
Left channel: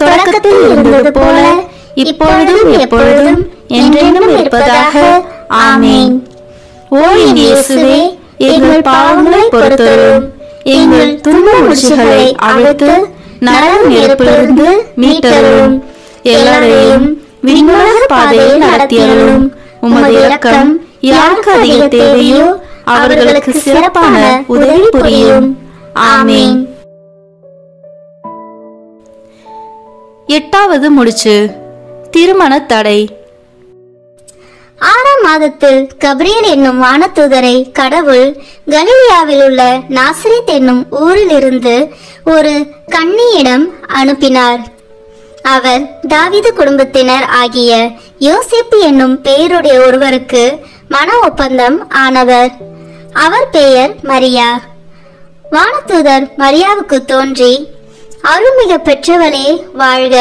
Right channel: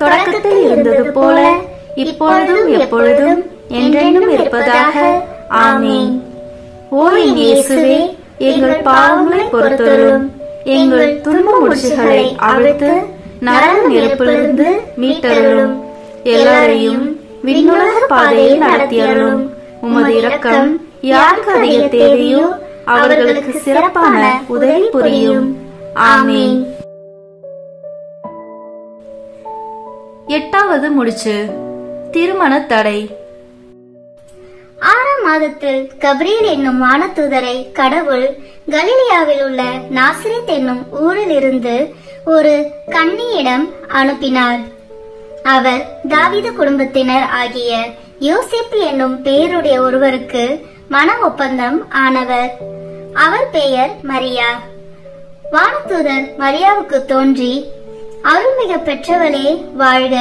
தொடக்கத்தில் இருந்தது போல இப்பொழுதும் எப்பொழுதும் என்றென்றும் இருப்பதாக. ஆமென். ஓ என் இயேசுவே, எங்கள் பாவங்களை பொறுத்தருளும். எங்கள் துன்ப முடிச்சுகளை அவிழ்த்து நரக நெருப்பிலிருந்து மீட்டருளும். எல்லாரையும் விண்ணுலக பாதையில் நடத்தியருளும். உமது இரக்கம் யாருக்கு அதிக தேவையோ அவர்களுக்கு சிறப்பான உதவி புரியும். ஆமென். 8வது முடிச்சு. திருமண தடை. 6ஆம் மாதத்தில் கபிரியேல் என்னும் வானதூதரை கடவுள் கலிலியாவில் உள்ள நாசரேத் என்னும் ஊரில் இருந்து ஒரு கன்னியிடம் அனுப்பினார். அவர் தாவீது குடும்பத்தினர் ஆகிய யோசேப்பு என்னும் பெயருடைய ஒருவருக்கு மன ஒப்பந்தம் ஆனவர். அவர் பெயர் மரியா. வானதூதர் மரியாவுக்கு தோன்றி, அருள்மிக பெற்றவளே வாழ்க,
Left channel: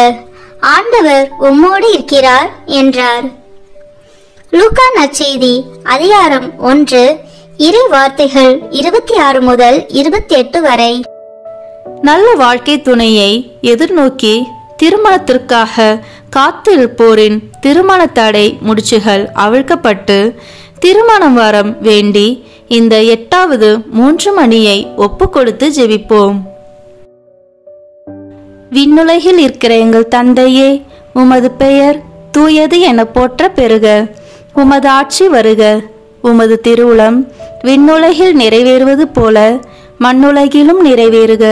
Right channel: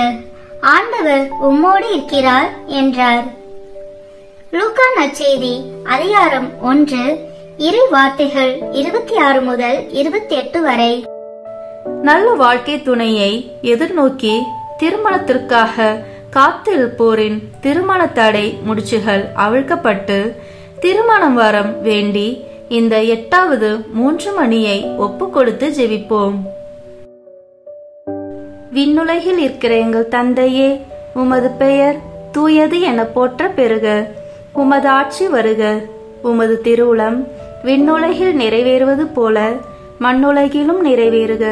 ஆண்டவர் உம்மோடு இருக்கிறார் என்றார். லூக்கா நற்செய்தி அதிகாரம் 1 இறை வார்த்தைகள் 26 முதல் 28 வரை. நல்ல வாழ்க்கை துணையை எதிர்நோக்கி திருமணத்திற்காக காத்திருப்போரின் திருமண தடை முடிச்சுகள் அவிழ்க்கப்பட்டு திருமணம் வரம் வேண்டி இந்த 8வது 3 மணியை ஒப்பு கொடுத்து ஜெபிப்போம். விண்ணுலகில் இருக்கிற எங்கள் தந்தையே, உமது பெயர் தூயது என போற்ற பெறுக. உமது ஆட்சி வருக. உமது திருவுளம் விண்ணுலகில் நிறைவேறுவது போல மண்ணுலகிலும் நிறைவேறுக.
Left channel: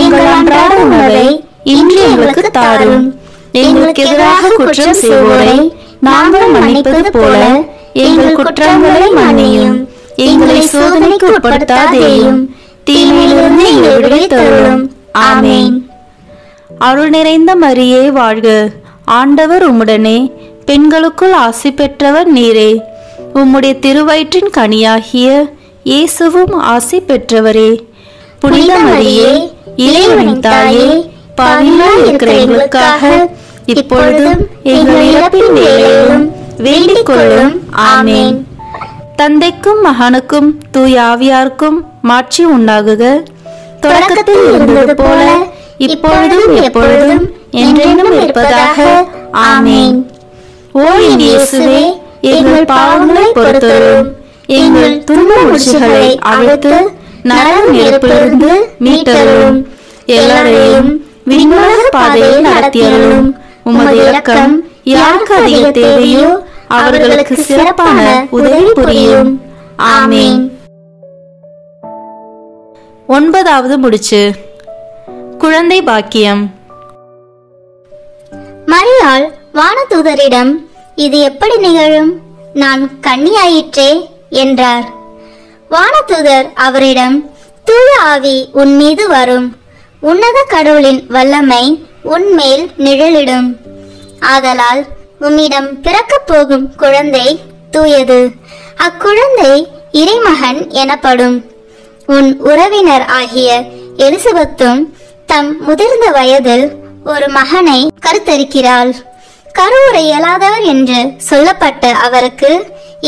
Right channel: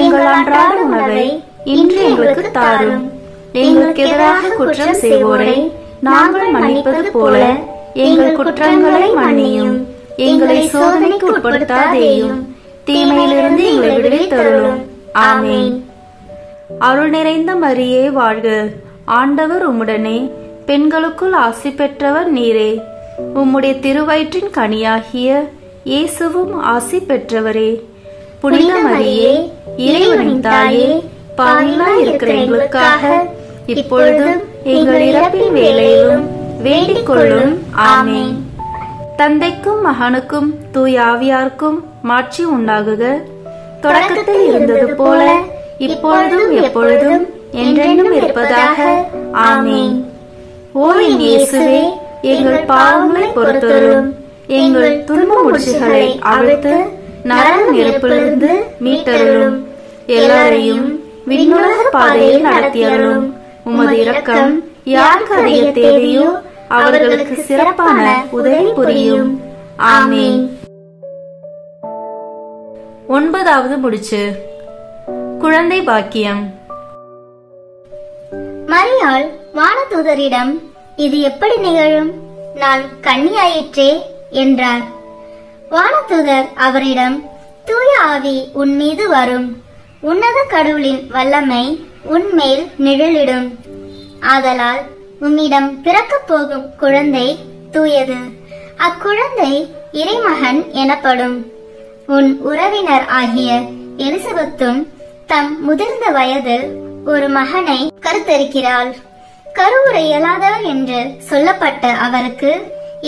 எங்கள் அன்றாட உணவை இன்று எங்களுக்கு தாரும். எங்களுக்கு எதிராக குற்றம் செய்வோரை நாங்கள் மன்னிப்பது போல எங்கள் குற்றங்களை மன்னியும். எங்களை சோதனைக்கு உட்படுத்தாதேயும், தீமையிலிருந்து எங்களை விடுவித்தருளும். ஆமென். அருள் நிறைந்த மரியே வாழ்க, ஆண்டவர் உம்முடனே, பெண்களுக்குள் ஆசி பெற்றவர் நீரே. உம்முடைய திருவயிற்றின் கனியாகிய இயேசுவும் ஆசி பெற்றவரே. புனித மரியே, இறைவனின் தாயே, பாவிகளாய் இருக்கிற எங்களுக்காக இப்பொழுதும் எங்கள் இறப்பின் வேளையிலும் வேண்டிக் கொள்ளும். ஆமென். தந்தைக்கும் மகனுக்கும் தூய ஆவியாருக்கும் மாட்சி உண்டாகுக. தொடக்கத்தில் இருந்தது போல இப்பொழுதும் எப்பொழுதும் என்றென்றும் இருப்பதாக. ஆமென். ஓ என் இயேசுவே, எங்கள் பாவங்களை பொறுத்தருளும், எங்கள் துன்ப முடிச்சுகளை அவிழ்த்து நரக நெருப்பிலிருந்து மீட்டருளும், எல்லாரையும் விண்ணுலக பாதையில் நடத்தியருளும். உமது இரக்கம் யாருக்கு அதிக தேவையோ அவர்களுக்கு சிறப்பான உதவி புரியும். ஆமென். 9வது முடிச்சு, குழந்தை பாக்கியம். மரியாள் வானதூதரிடம், இது எப்படி நிகழும்? நான் கன்னியாயிற்றே என்றார். வானதூதர் அவரிடம், தூய ஆவி உன் மீது வரும், உன்னத கடவுளின் வல்லமை உன்மேல் நிழலிடும். ஆதலால் உம்மிடம் பிறக்கப் போகும் குழந்தை தூயது. அக்குழந்தை இறைமகன் எனப்படும். உன் உறவினர் ஆகிய எலிசபெத்தும் தம் முதிர்ந்த வயதில் ஒரு மகனை கருத்தரிக்கிறாள். கருவுற இயலாதவர் என்று சொல்லப்பட்ட அவருக்கு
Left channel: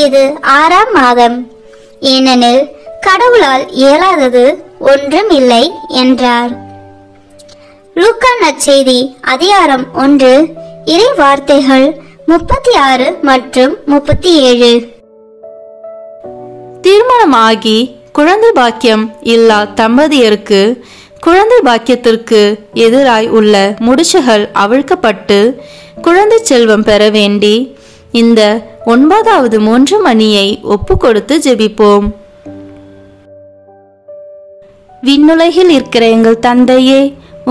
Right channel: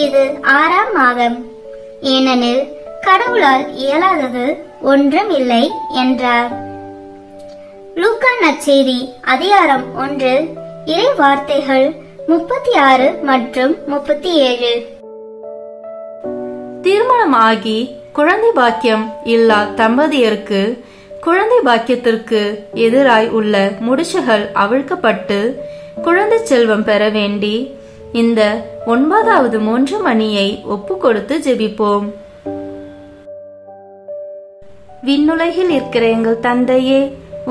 இது 6ஆம் மாதம். ஏனெனில் கடவுளால் இயலாதது ஒன்றும் இல்லை என்றார். லூக்கா நற்செய்தி அதிகாரம் 1 இறை வார்த்தைகள் 36 மற்றும் 37. திருமணமாகி குழந்தை பாக்கியம் இல்லா தம்பதியருக்கு குழந்தை பாக்கியத்திற்கு எதிராய் உள்ள முடிச்சுகள் அவிழ்க்கப்பட்டு குழந்தை செல்வம் பெற வேண்டி இந்த 9வது 3 மணியை ஒப்பு கொடுத்து ஜெபிப்போம். விண்ணுலகில் இருக்கிற எங்கள் தந்தையே,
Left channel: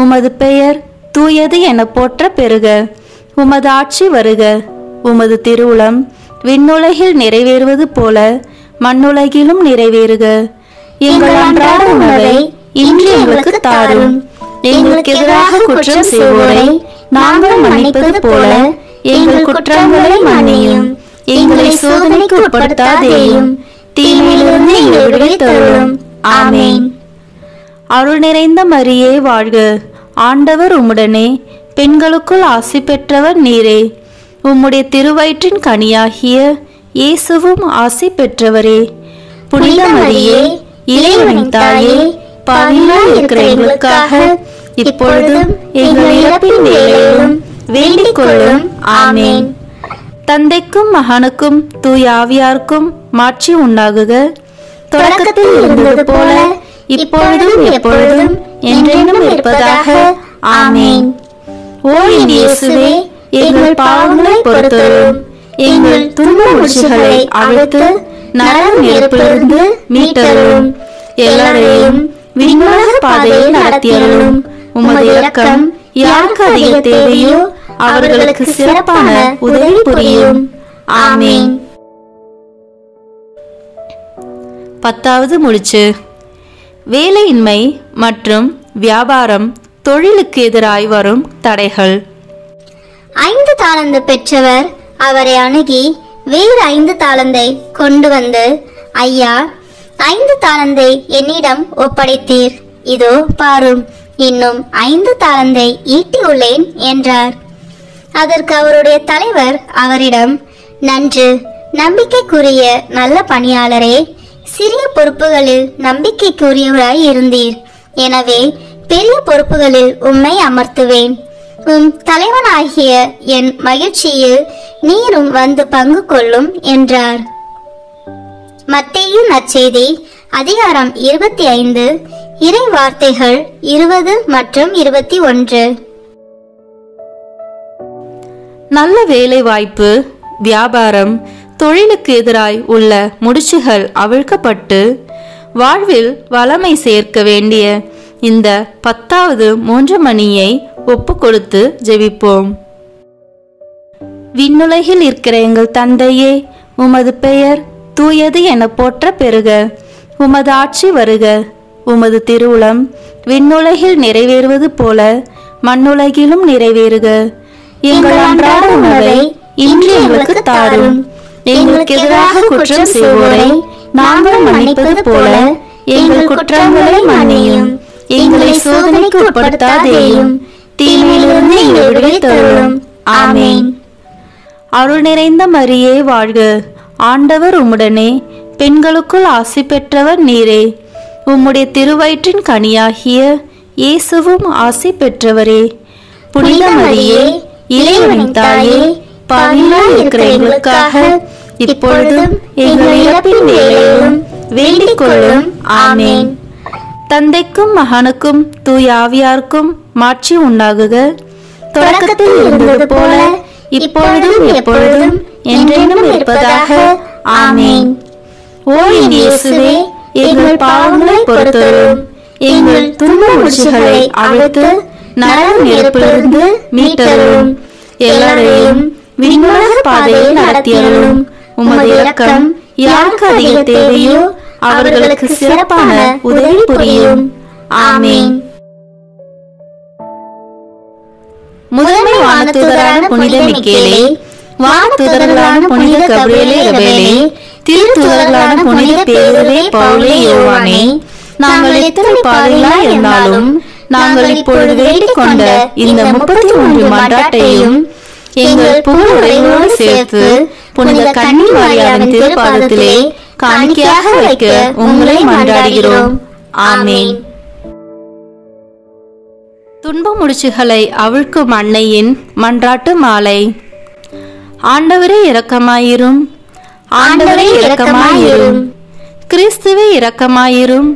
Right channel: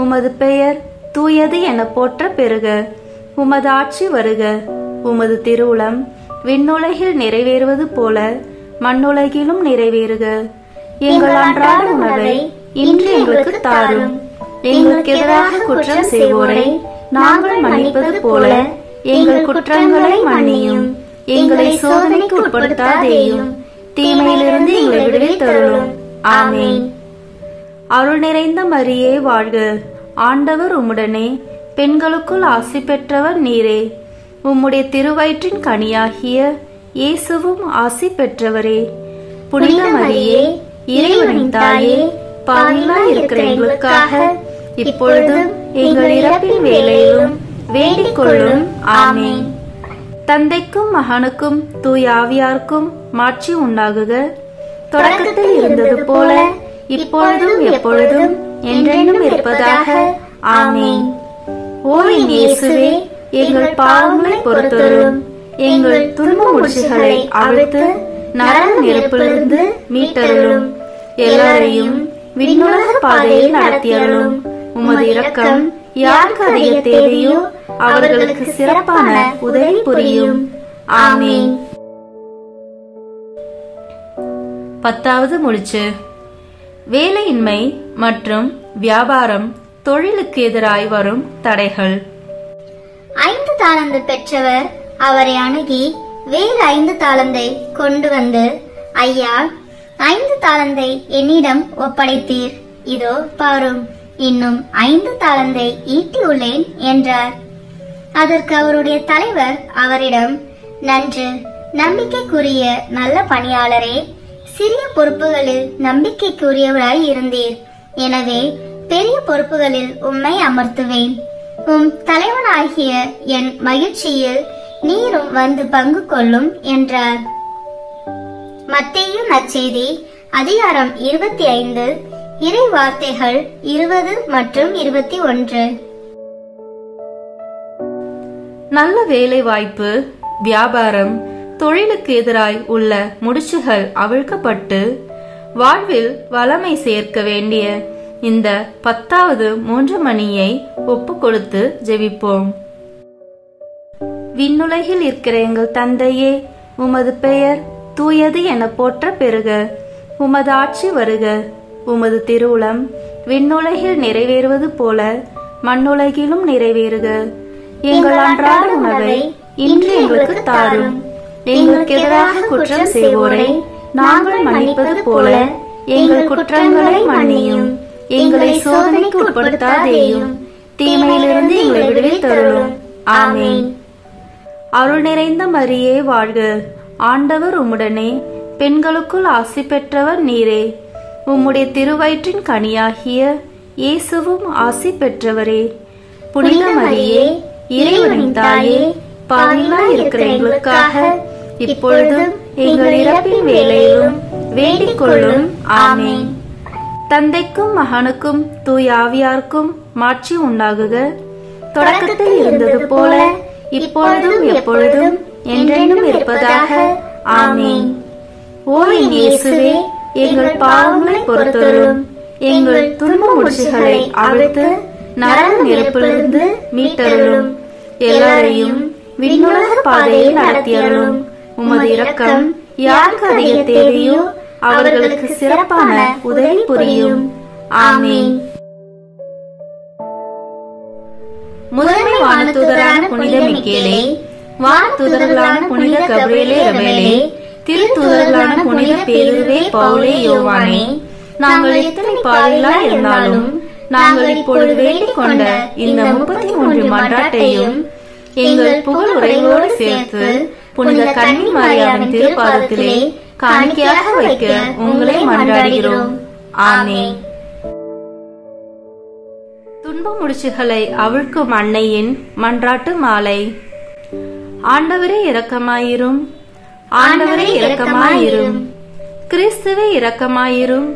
உமது பெயர் தூயது என போற்ற பெறுக. உமது ஆட்சி வருக. உமது திருவுளம் விண்ணுலகில் நிறைவேறுவது போல மண்ணுலகிலும் நிறைவேறுக. எங்கள் அன்றாட உணவை இன்று எங்களுக்கு தாரும். எங்களுக்கு எதிராக குற்றம் செய்வோரை நாங்கள் மன்னிப்பது போல எங்கள் குற்றங்களை மன்னியும். எங்களை சோதனைக்கு உட்படுத்தாதேயும், தீமையிலிருந்து எங்களை விடுவித்தருளும். ஆமென். அருள் நிறைந்த மரியே வாழ்க, ஆண்டவர் உம்முடனே, பெண்களுக்குள் ஆசி பெற்றவர் நீரே. உம்முடைய திருவயிற்றின் கனியாகிய இயேசுவும் ஆசி பெற்றவரே. புனித மரியே, இறைவனின் தாயே, பாவிகளாய் இருக்கிற எங்களுக்காக இப்பொழுதும் எங்கள் இறப்பின் வேளையிலும் வேண்டிக் கொள்ளும். ஆமென். தந்தைக்கும் மகனுக்கும் தூய ஆவியாருக்கும் மாட்சி உண்டாகுக. தொடக்கத்தில் இருந்தது போல இப்பொழுதும் எப்பொழுதும் என்றென்றும் இருப்பதாக. ஆமென். ஓ என் இயேசுவே, எங்கள் பாவங்களை பொறுத்தருளும், எங்கள் துன்ப முடிச்சுகளை அவிழ்த்து நரக நெருப்பிலிருந்து மீட்டருளும், எல்லாரையும் விண்ணுலக பாதையில் நடத்தியருளும். உமது இரக்கம் யாருக்கு அதிக தேவையோ அவர்களுக்கு சிறப்பான உதவி புரியும். ஆமென். 10வது முடிச்சு, வேலையின்மை மற்றும் வியாபாரம் தொழிலுக்கு எதிராய் வரும் தடைகள். 5 தாலந்து பெற்றவர் அவரை அணுகி வேறு 5 தாலந்தை கொண்டு வந்து, ஐயா, 5 தாலந்தை என்னிடம் ஒப்படைத்தீர், இதோ பாரும், இன்னும் 5 தாலந்தை ஈட்டியுள்ளேன் என்றார். அதற்கு அவருடைய தலைவர் அவரிடம், நன்று, நம்பிக்கைக்குரிய நல்ல பணியாளரே, சிறிய பொறுப்புகளில் நம்பிக்கைக்குரியவராய் இருந்தீர், எனவே பெரிய பொறுப்புகளில் உம்மை அமர்த்துவேன். உம் தலைவனாகிய என் மகிழ்ச்சியில் நீரும் வந்து பங்கு கொள்ளும் என்றார். மத்தேயு நற்செய்தி அதிகாரம் 25 இறை வார்த்தைகள் 20 மற்றும் 21. நல்ல வேலை வாய்ப்பு, வியாபாரம், தொழிலுக்கு எதிராய் உள்ள முடிச்சுகள் அவிழ்க்கப்பட்டு வாழ்வில் வளமை சேர்க்க வேண்டிய இந்த 10வது 3 மணியை ஒப்பு கொடுத்து ஜெபிப்போம். விண்ணுலகில் இருக்கிற எங்கள் தந்தையே, உமது பெயர் தூயது என போற்ற பெறுக. உமது ஆட்சி வருக. உமது திருவுளம் விண்ணுலகில் நிறைவேறுவது போல மண்ணுலகிலும் நிறைவேறுக. எங்கள் அன்றாட உணவை இன்று எங்களுக்கு தாரும். எங்களுக்கு எதிராக குற்றம் செய்வோரை நாங்கள் மன்னிப்பது போல எங்கள் குற்றங்களை மன்னியும். எங்களை சோதனைக்கு உட்படுத்தாதேயும், தீமையிலிருந்து எங்களை விடுவித்தருளும். ஆமேன். அருள் நிறைந்த மரியே வாழ்க, ஆண்டவர் உம்முடனே, பெண்களுக்குள் ஆசி பெற்றவர் நீரே. உம்முடைய திருவயிற்றின் கனியாகிய இயேசுவும் ஆசி பெற்றவரே. புனித மரியே, இறைவனின் தாயே, பாவிகளாய் இருக்கிற எங்களுக்காக இப்பொழுதும் எங்கள் இறப்பின் வேளையிலும் வேண்டிக் கொள்ளும். ஆமேன். தந்தைக்கும் மகனுக்கும் தூய ஆவியாருக்கும் மாட்சி உண்டாகுக. தொடக்கத்தில் இருந்தது போல இப்பொழுதும் எப்பொழுதும் என்றென்றும் இருப்பதாக. ஆமேன். ஓ என் இயேசுவே, எங்கள் பாவங்களை பொறுத்தருளும். எங்கள் துன்ப முடிச்சுகளை அவிழ்த்து நரக நெருப்பிலிருந்து மீட்டருளும். எல்லாரையும் விண்ணுலக பாதையில் நடத்தியருளும். உமது இரக்கம் யாருக்கு அதிக தேவையோ அவர்களுக்கு சிறப்பான உதவி புரியும். ஆமேன். முதன்மை வானதூதரான புனித மிக்கேலே, வானதூதர்களான புனித கபிரியேலே ரபேலே, திருத்தூதர்களான புனித பேதுருவே, பவுலே, யோவானே, நாங்கள் எத்தனை பாவிகளாய் இருந்தாலும் நாங்கள் இப்பொழுது வேண்டிக் கொண்ட இந்த 33 மன்றாட்டையும் எங்கள் புகழ் உரைகளோடு சேர்த்து புனித கன்னி மரியாவின் திருப்பாதத்திலே காணிக்கையாக வைக்க உங்களை மன்றாடுகிறோம். ஆமேன். துன்ப முடிச்சுகளை அவிழ்க்கும் அன்னையின் மன்றாட்டு மாலை. ஆண்டவரே இரக்கமாயிரும், ஆண்டவரே இரக்கமாயிரும், கிறிஸ்துவே இரக்கமாயிரும்,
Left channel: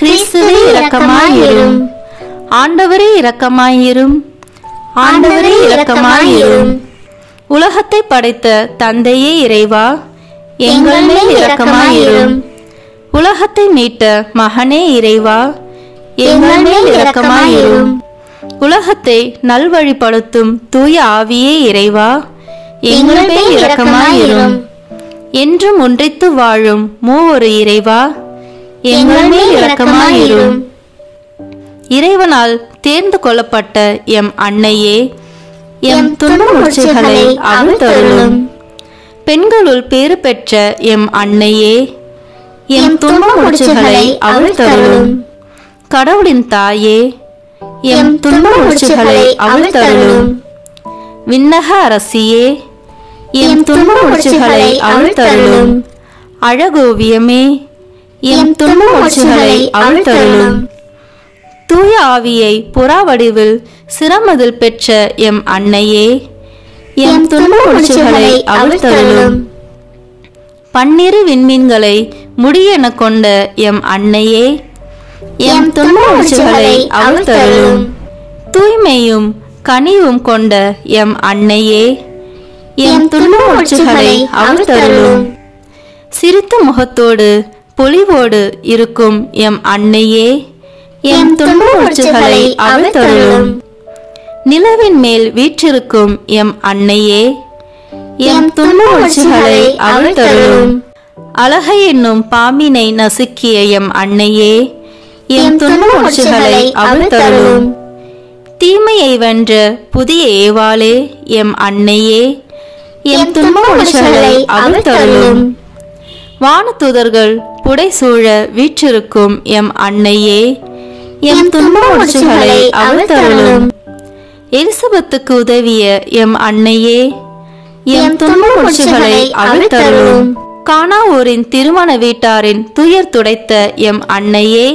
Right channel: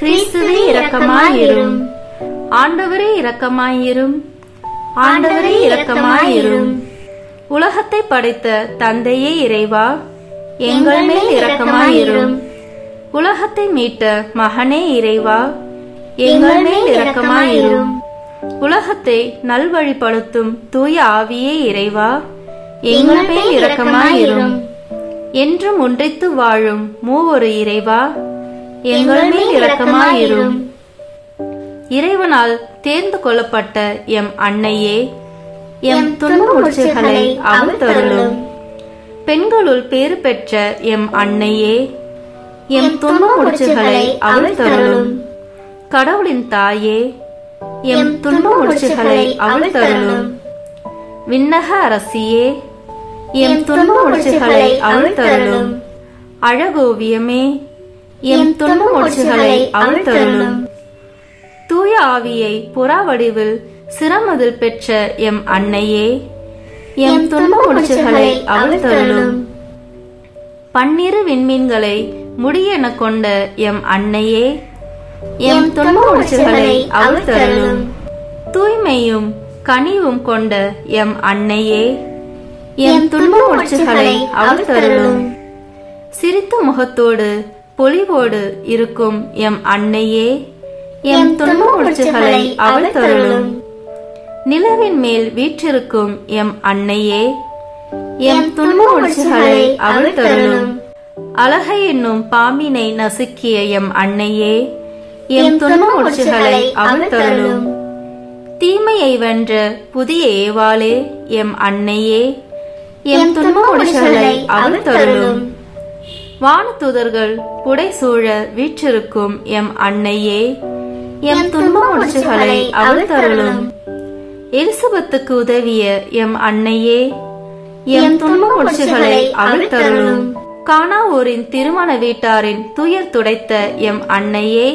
கிறிஸ்துவே இரக்கமாயிரும், ஆண்டவரே இரக்கமாயிரும், ஆண்டவரே இரக்கமாயிரும். உலகத்தை படைத்த தந்தையே இறைவா, எங்கள் மேல் இரக்கமாயிரும். உலகத்தை மீட்ட மகனே இறைவா, எங்கள் மேல் இரக்கமாயிரும். உலகத்தை நல்வழிப்படுத்தும் தூய ஆவியே இறைவா, எங்கள் மேல் இரக்கமாயிரும். என்றும் ஒன்றித்து வாழும் மூவொரு இறைவா, எங்கள் மேல் இரக்கமாயிரும். இறைவனால் தேர்ந்து கொள்ளப்பட்ட எம் அன்னையே, எம் துன்ப முடிச்சுகளை அவிழ்த்தருளும். பெண்களுள் பேறு பெற்ற எம் அன்னையே, எம் துன்ப முடிச்சுகளை அவிழ்த்தருளும். கடவுளின் தாயே, எம் துன்ப முடிச்சுகளை அவிழ்த்தருளும். விண்ணக அரசியே, எம் துன்ப முடிச்சுகளை அவிழ்த்தருளும். அழகோவியமே, எம் துன்ப முடிச்சுகளை அவிழ்த்தருளும். தூய ஆவியை புறா வடிவில் சிரமதில் பெற்ற எம் அன்னையே, எம் துன்ப முடிச்சுகளை அவிழ்த்தருளும். பன்னிரு விண்மீன்களை முடியென கொண்ட எம் அன்னையே, எம் துன்ப முடிச்சுகளை அவிழ்த்தருளும். தூய்மையும் கனிவும் கொண்ட எம் அன்னையே, எம் துன்ப முடிச்சுகளை அவிழ்த்தருளும். சிரித்த முகத்தோடு பொலிவோடு இருக்கும் எம் அன்னையே, எம் துன்ப முடிச்சுகளை அவிழ்த்தருளும். நிலவின் மேல் வீற்றிருக்கும் எம் அன்னையே, எம் துன்ப முடிச்சுகளை அவிழ்த்தருளும். அழகை என்னும் பாம்பினை நசுக்கிய எம் அன்னையே, எம் துன்ப முடிச்சுகளை அவிழ்த்தருளும். தீமையை வென்ற புதிய ஏவாளே எம் அன்னையே, எம் துன்ப முடிச்சுகளை அவிழ்த்தருளும். வானதூதர்கள் புடைசூழ வீற்றிருக்கும் எம் அன்னையே, எம் துன்ப முடிச்சுகளை அவிழ்த்தருளும். எலிசபெத்துக்கு உதவிய எம் அன்னையே, எம் துன்ப முடிச்சுகளை அவிழ்த்தருளும். கானாவூரின் திருமண வீட்டாரின் துயர் துடைத்த எம் அன்னையே,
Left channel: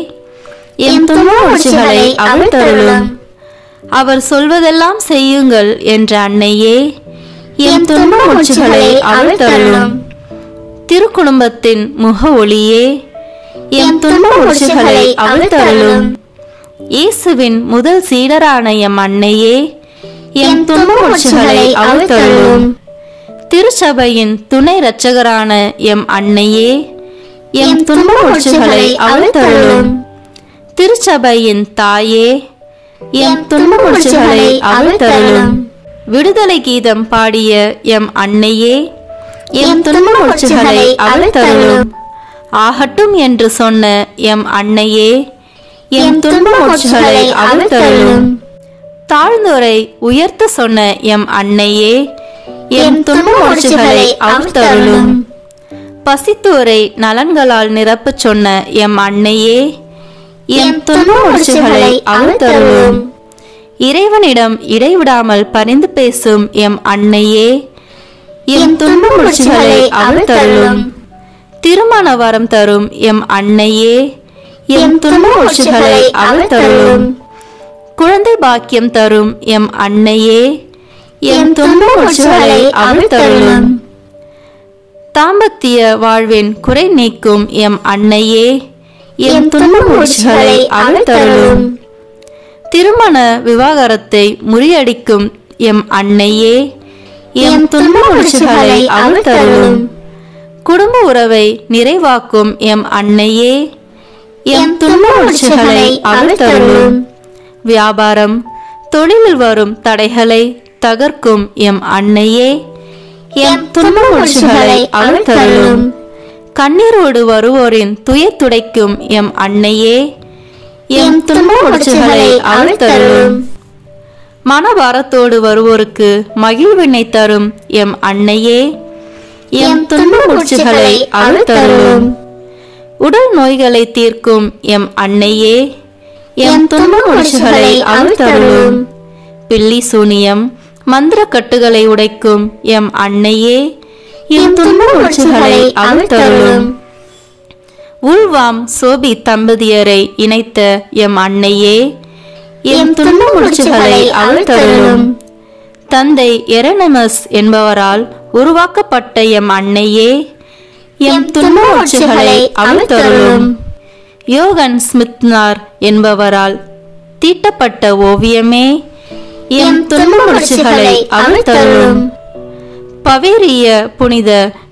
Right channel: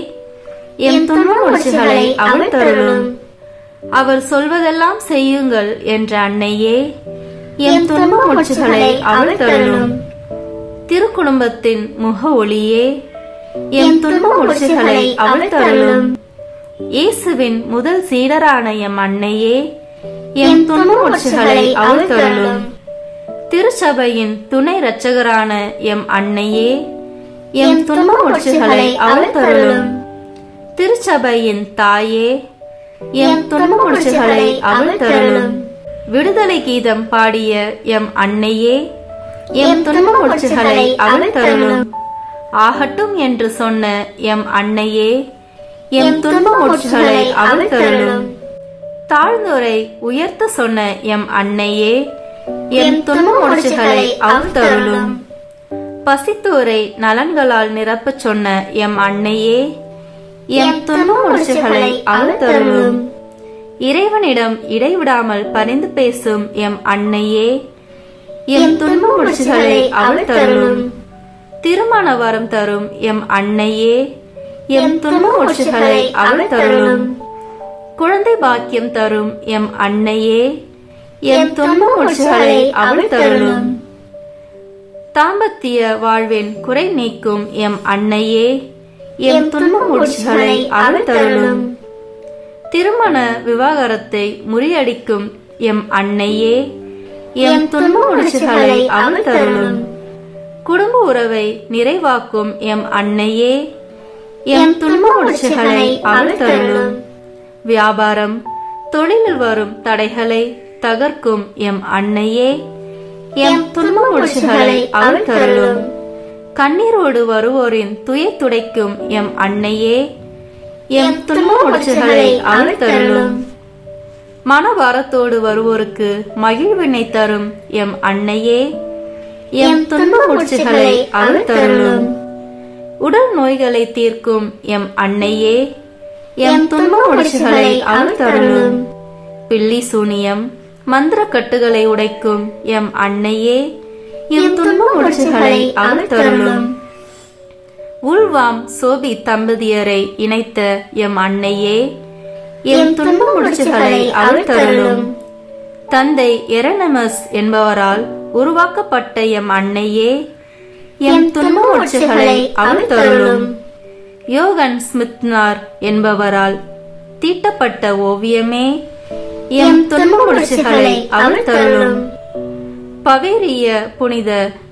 எம் துன்ப முடிச்சுகளை அவிழ்த்தருளும். அவர் சொல்வதெல்லாம் செய்யுங்கள் என்ற அன்னையே, எம் துன்ப முடிச்சுகளை அவிழ்த்தருளும். திருக்குடும்பத்தின் முக ஒளியே, எம் துன்ப முடிச்சுகளை அவிழ்த்தருளும். இயேசுவின் முதல் சீடரான எம் அன்னையே, எம் துன்ப முடிச்சுகளை அவிழ்த்தருளும். திருச்சபையின் துணை இரட்சகரான எம் அன்னையே, எம் துன்ப முடிச்சுகளை அவிழ்த்தருளும். திருச்சபையின் தாயே, எம் துன்ப முடிச்சுகளை அவிழ்த்தருளும். விடுதலை கீதம் பாடிய எம் அன்னையே, எம் துன்ப முடிச்சுகளை அவிழ்த்தருளும். ஆகட்டும் என்று சொன்ன எம் அன்னையே, எம் துன்ப மூச்சுகளை அவிழ்த்தருளும். தாழ்ந்தோரை உயர்த்த சொன்ன எம் அன்னையே, எம் துன்ப மூச்சுகளை அவிழ்த்தருளும். பசித்தோரை நலன்களால் நிரப்பச் சொன்ன எம் அன்னையே, எம் துன்ப மூச்சுகளை அவிழ்த்தருளும். இறைவனிடம் இடைவிடாமல் பரிந்து பேசும் எம் அன்னையே, எம் துன்ப மூச்சுகளை அவிழ்த்தருளும். திருமண வரம் தரும் எம் அன்னையே, எம் துன்ப மூச்சுகளை அவிழ்த்தருளும். குழந்தை பாக்கியம் தரும் எம் அன்னையே, எம் துன்ப மூச்சுகளை அவிழ்த்தருளும். தாம்பத்திய வாழ்வின் குறை நீக்கும் எம் அன்னையே, எம் துன்ப மூச்சுகளை அவிழ்த்தருளும். திருமண விவாகரத்தை முறியடிக்கும் எம் அன்னையே, எம் துன்ப மூச்சுகளை அவிழ்த்தருளும். குடும்ப உறவை நிறைவாக்கும் எம் அன்னையே, எம் துன்ப மூச்சுகளை அவிழ்த்தருளும். வியாபாரம் தொழிலில் வரும் தடைகளை தகர்க்கும் எம் அன்னையே, எம் துன்ப மூச்சுகளை அவிழ்த்தருளும். கண்ணீரோடு வருவோரின் துயர் துடைக்கும் எம் அன்னையே, எம் துன்ப மூச்சுகளை அவிழ்த்தருளும். மனபாரத்தோடு வருவோருக்கு மகிழ்வினை தரும் எம் அன்னையே, எம் துன்ப மூச்சுகளை அவிழ்த்தருளும். உடல் நோய்களை தீர்க்கும் எம் அன்னையே, எம் துன்ப மூச்சுகளை அவிழ்த்தருளும். பில்லி சூனியம் மந்திர கட்டுகளை உடைக்கும் எம் அன்னையே, எம் துன்ப மூச்சுகளை அவிழ்த்தருளும். உள்வாம் சோபி தம்பதியரை இணைத்த எம் அன்னையே, எம் துன்ப மூச்சுகளை அவிழ்த்தருளும். தந்தை எரனமஸ் என்பவரால் உருவாக்கப்பட்ட எம் அன்னையே, எம் துன்ப மூச்சுகளை அவிழ்த்தருளும். யோகன் ஸ்மித்னார் என்பவரால் தீட்டப்பட்ட ஓவியமே, எம் துன்ப மூச்சுகளை அவிழ்த்தருளும். பவேரிய புனித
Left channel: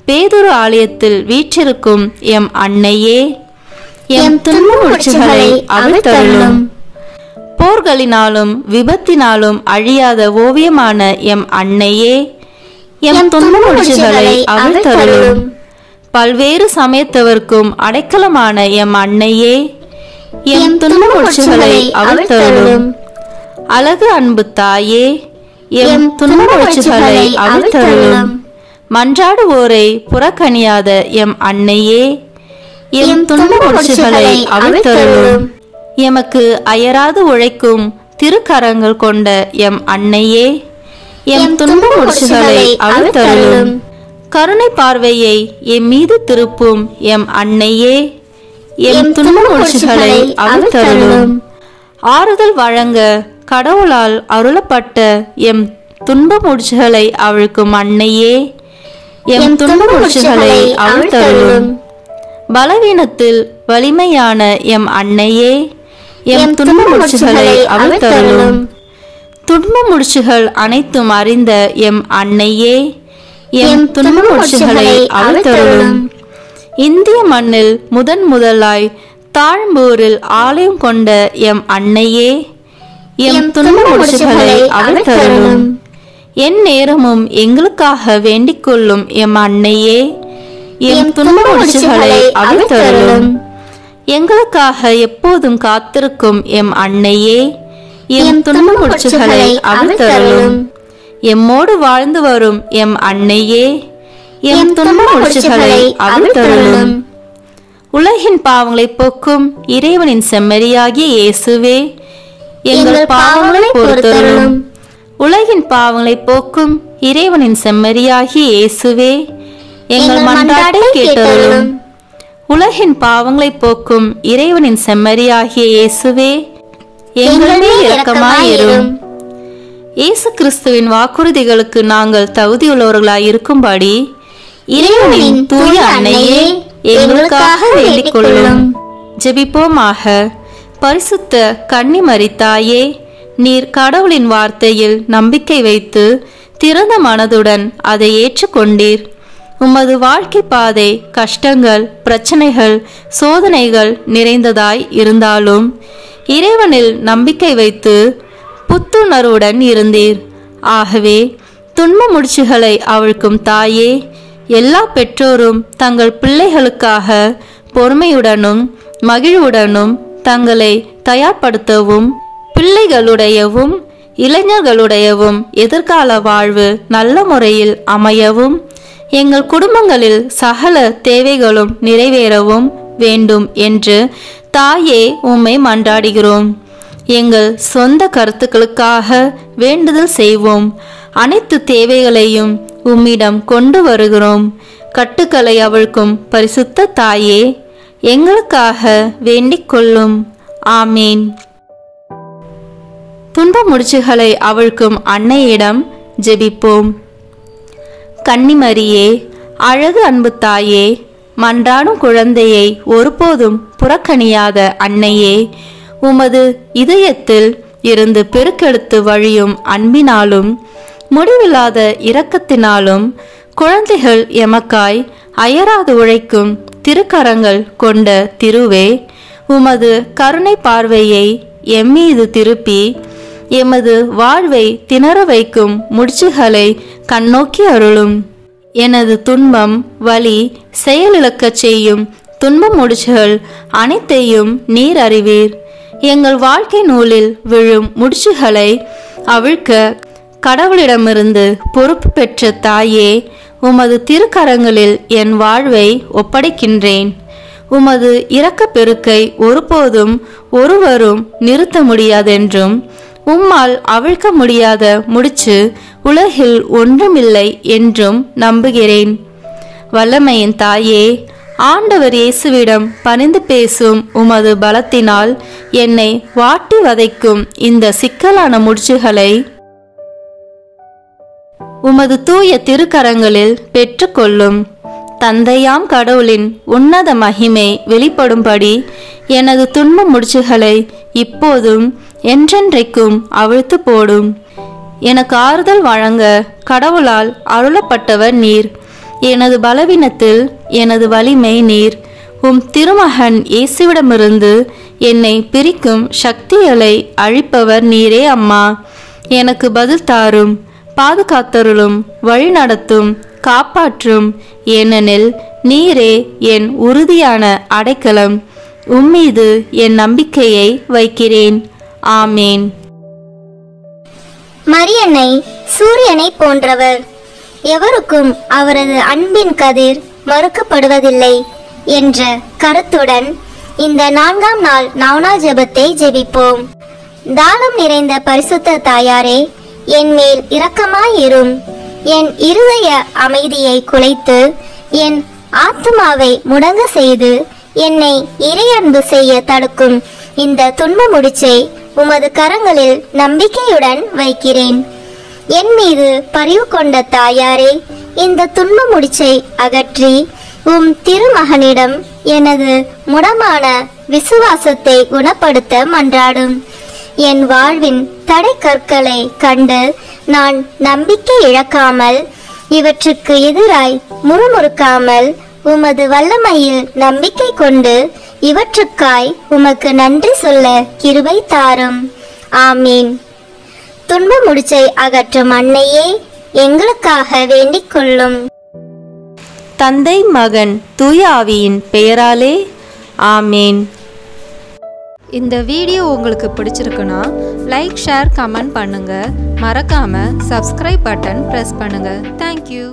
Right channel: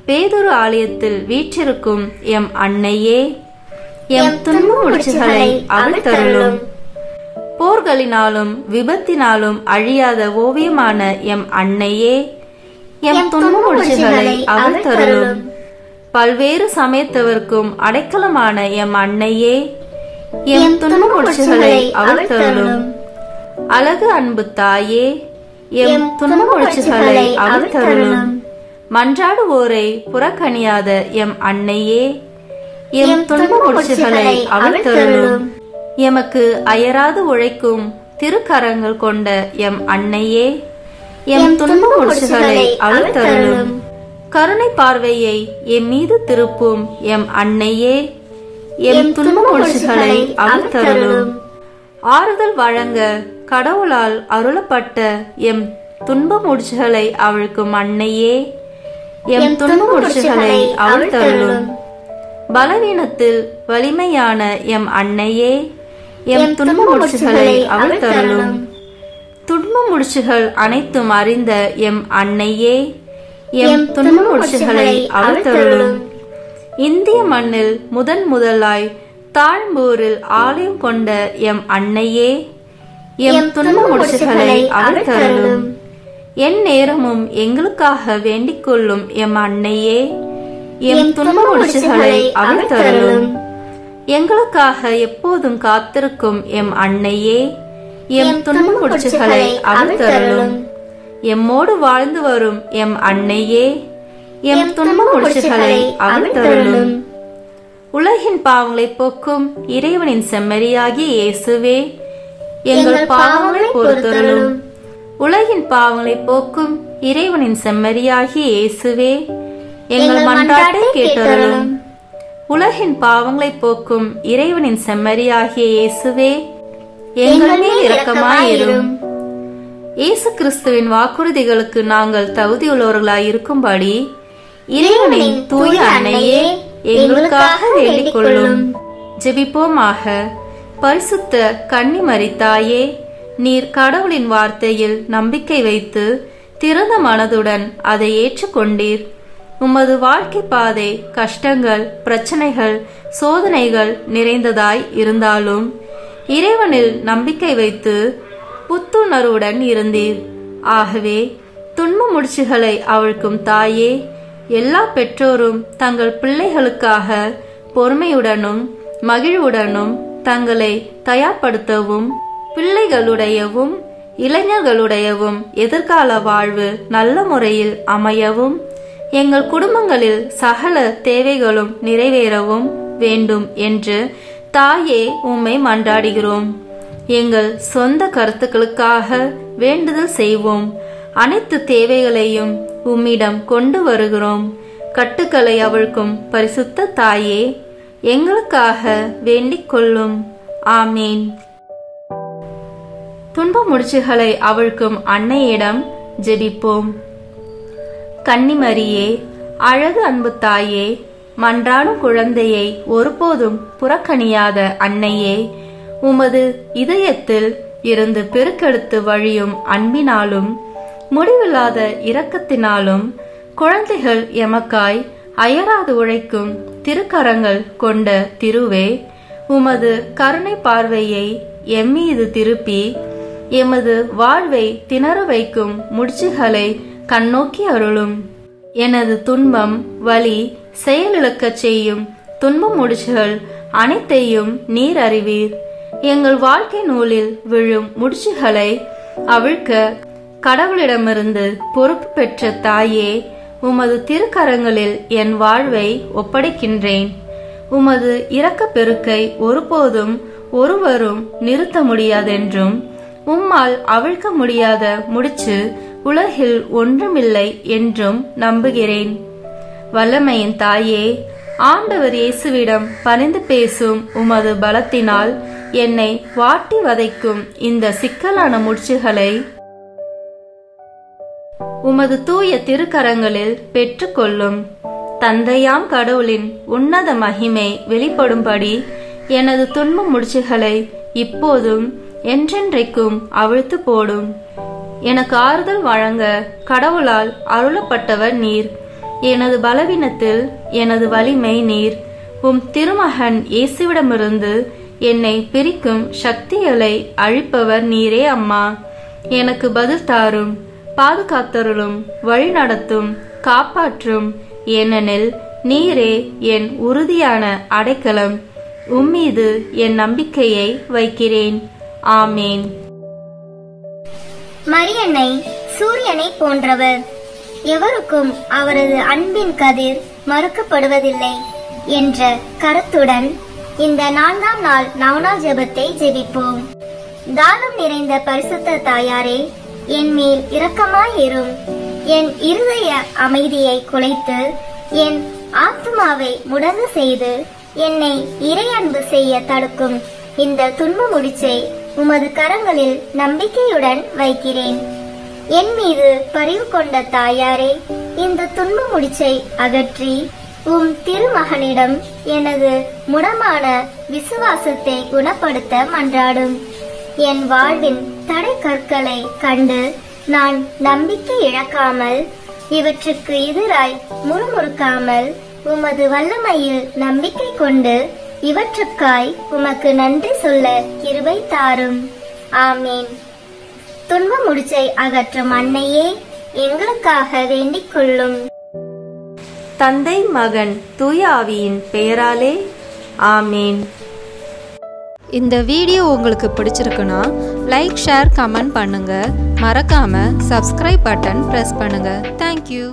பேதுரு ஆலயத்தில் வீற்றிருக்கும் எம் அன்னையே, எம் துன்ப மூச்சுகளை அவிழ்த்தருளும். போர்களினாலும் விபத்தினாலும் அழியாத ஓவியமான எம் அன்னையே, எம் துன்ப மூச்சுகளை அவிழ்த்தருளும். பல்வேறு சமயத்தவர்க்கும் அடைக்கலமான எம் அன்னையே, எம் துன்ப மூச்சுகளை அவிழ்த்தருளும். அழகு அன்பு தாயே, எம் துன்ப மூச்சுகளை அவிழ்த்தருளும். மன்றாடுவோரை புறக்கணியாத எம் அன்னையே, எம் துன்ப மூச்சுகளை அவிழ்த்தருளும். எமக்கு அயராது உழைக்கும் திருக்கரங்கள் கொண்ட எம் அன்னையே, எம் துன்ப மூச்சுகளை அவிழ்த்தருளும். கருணை பார்வையை எம் மீது திருப்பும் எம் அன்னையே, எம் துன்ப மூச்சுகளை அவிழ்த்தருளும். ஆறுதல் வழங்க கடவுளால் அருளப்பட்ட எம் துன்ப மூச்சுகளை அவிழ்க்கும் அன்னையே, எம் துன்ப மூச்சுகளை அவிழ்த்தருளும். பலவீனத்தில் வலிமையான எம் அன்னையே, எம் துன்ப மூச்சுகளை அவிழ்த்தருளும். துன்ப மூச்சுகள் அனைத்தும் அறிந்த எம் அன்னையே, எம் துன்ப மூச்சுகளை அவிழ்த்தருளும். இந்திய மண்ணில் முதலாய் தாழ்ம்பூரில் ஆலயம் கொண்ட எம் அன்னையே, எம் துன்ப மூச்சுகளை அவிழ்த்தருளும். என் நேரமும் எங்களுக்காக வேண்டிக் கொள்ளும் எம் அன்னையே, எம் துன்ப மூச்சுகளை அவிழ்த்தருளும். எங்களுக்காக எப்போதும் காத்திருக்கும் எம் அன்னையே, எம் துன்ப மூச்சுகளை அவிழ்த்தருளும். எம்மோடு வாழ்ந்து வரும் எம் அன்னையே, எம் துன்ப மூச்சுகளை அவிழ்த்தருளும். உலகின் பாவங்களை போக்கும் இறைவனின் செம்மறியாகிய இயேசுவே, எங்கள் பாவங்களை பொறுத்தருளும். உலகின் பாவங்களை போக்கும் இறைவனின் செம்மறியாகிய இயேசுவே, எங்கள் மன்றாட்டை கேட்டருளும். உலகின் பாவங்களை போக்கும் இறைவனின் செம்மறியாகிய இயேசுவே, எங்கள் மேல் இரக்கமாயிரும். இயேசு கிறிஸ்துவின் வாக்குறுதிகளுக்கு நாங்கள் தகுதியுள்ளவர்களாய் இருக்கும்படி இறைவனின் தூய அன்னையே, எங்களுக்காக வேண்டிக் கொள்ளும். ஜெபிப்போமாக. பரிசுத்த கன்னிமரி தாயே, நீர் கடவுளின் வார்த்தையில் நம்பிக்கை வைத்து திறந்த மனதுடன் அதை ஏற்றுக்கொண்டீர். உமது வாழ்க்கை பாதை கஷ்டங்கள், பிரச்சனைகள், சோதனைகள் நிறைந்ததாய் இருந்தாலும் இறைவனில் நம்பிக்கை வைத்து புத்துணர்வுடன் இருந்தீர். ஆகவே துன்ப முடிச்சுகளை அவிழ்க்கும் தாயே, எல்லா பெற்றோரும் தங்கள் பிள்ளைகளுக்காக பொறுமையுடனும் மகிழ்வுடனும் தங்களை தயார்படுத்தவும் பிள்ளைகளுடையவும் இளைஞர்களுடையவும் எதிர்கால வாழ்வு நல்ல முறையில் அமையவும் எங்கள் குடும்பங்களில் சகல தேவைகளும் நிறைவேறவும் வேண்டும் என்று தாயே உம்மை மன்றாடுகிறோம். எங்கள் சொந்த கருத்துக்களுக்காக வேண்டுதல் செய்வோம். அனைத்து தேவைகளையும் உம்மிடம் கொண்டு வருகிறோம். கட்டுக்களை அவிழ்க்கும் பரிசுத்த தாயே, எங்களுக்காக வேண்டிக் கொள்ளும். ஆமீன். துன்ப முடிச்சுகளை அவிழ்க்கும் அன்னையிடம் ஜெபிப்போம். கன்னிமரியே, அழகு அன்பு தாயே, மன்றாடும் குழந்தையை ஒருபோதும் புறக்கணியாத அன்னையே, உமது இதயத்தில் இருந்து பெருக்கெடுத்து வழியும் அன்பினாலும் முடிவில்லாத இரக்கத்தினாலும் குழந்தைகள் எமக்காய் அயராது உழைக்கும் திருக்கரங்கள் கொண்ட திருவே, உமது கருணை பார்வையை எம்மீது திருப்பி எமது வாழ்வை திணற வைக்கும் முடிச்சுகளை கண்ணோக்கி அருளும். எனது துன்பம் வலி செயலிழக்கச் செய்யும் துன்ப முடிச்சுகள் அனைத்தையும் நீர் அறிவீர். எங்கள் வாழ்க்கை நூலில் விழும் முடிச்சுகளை அவிழ்க்க கடவுளிடமிருந்து பொறுப்பு பெற்ற தாயே, உமது திருக்கரங்களில் என் வாழ்வை ஒப்படைக்கின்றேன். உமது இரக்க பெருக்கை ஒருபோதும் ஒருவரும் நிறுத்த முடியாதென்றும் உம்மால் அவிழ்க்க முடியாத முடிச்சு உலகில் ஒன்றுமில்லை என்றும் நம்புகிறேன். வல்லமையின் தாயே, ஆண்டவர் இயேசுவிடம் பணிந்து பேசும் உமது பலத்தினால் என்னை வாட்டி வதைக்கும் இந்த சிக்கலான முடிச்சுகளை உமது தூய திருக்கரங்களில் பெற்றுக்கொள்ளும். தந்தையாம் கடவுளின் உன்னத மகிமை வெளிப்படும்படி எனது துன்ப முடிச்சுகளை இப்போதும் என்றென்றைக்கும் அவிழ்த்து போடும். எனக்கு ஆறுதல் வழங்க கடவுளால் அருளப்பட்டவர் நீர். எனது பலவீனத்தில் எனது வலிமை நீர். உம் திருமகன் இயேசுவிடமிருந்து என்னை பிரிக்கும் சக்திகளை அழிப்பவர் நீரே அம்மா. எனக்கு பதில் தாரும், பாதுகாத்தருளும், வழி நடத்தும், காப்பாற்றும். ஏனெனில் நீரே என் உறுதியான அடைக்கலம். உம்மீது என் நம்பிக்கையை வைக்கிறேன். ஆமேன். மரியன்னை சூரியனை போன்றவர், எவருக்கும் அவரது அன்பின் கதிர் மறுக்கப்படுவதில்லை என்ற கருத்துடன் இந்த 4ஆம் நாள் நவநாள் ஜெபத்தை ஜெபிப்போம். தானம் நிறைந்த பரிசுத்த தாயாரே, என் மேல் இரக்கமாயிரும். என் இருதய அமைதியை குலைத்து என் ஆத்மாவை முடங்க செய்து என்னை இறையன்பு செய்ய தடுக்கும் இந்த துன்ப முடிச்சை உமது கரங்களில் நம்பிக்கையுடன் வைக்கிறேன். என் மீது பரிவு கொண்ட தாயாரே, இந்த துன்ப முடிச்சை அகற்றி உம் திருமகனிடம் எனது முடமான விசுவாசத்தை குணப்படுத்த மன்றாடும். என் வாழ்வின் தடை கற்களை கண்டு நான் நம்பிக்கை இழக்காமல் இவற்றுக்கு எதிராய் முறுமுறுக்காமல் உமது வல்லமையில் நம்பிக்கை கொண்டு இவற்றுக்காய் உமக்கு நன்றி சொல்ல கிருபை தாரும். ஆமீன். துன்ப முடிச்சை அகற்றும் அன்னையே, எங்களுக்காக வேண்டிக் கொள்ளும். தந்தை மகன் தூய ஆவியின் பெயராலே ஆமீன். இந்த வீடியோ உங்களுக்கு பிடிச்சிருக்குன்னா லைக், ஷேர், கமெண்ட் பண்ணுங்க. மறக்காம சப்ஸ்கிரைப் பட்டன் பிரஸ் பண்ணுங்க. தேங்க்யூ.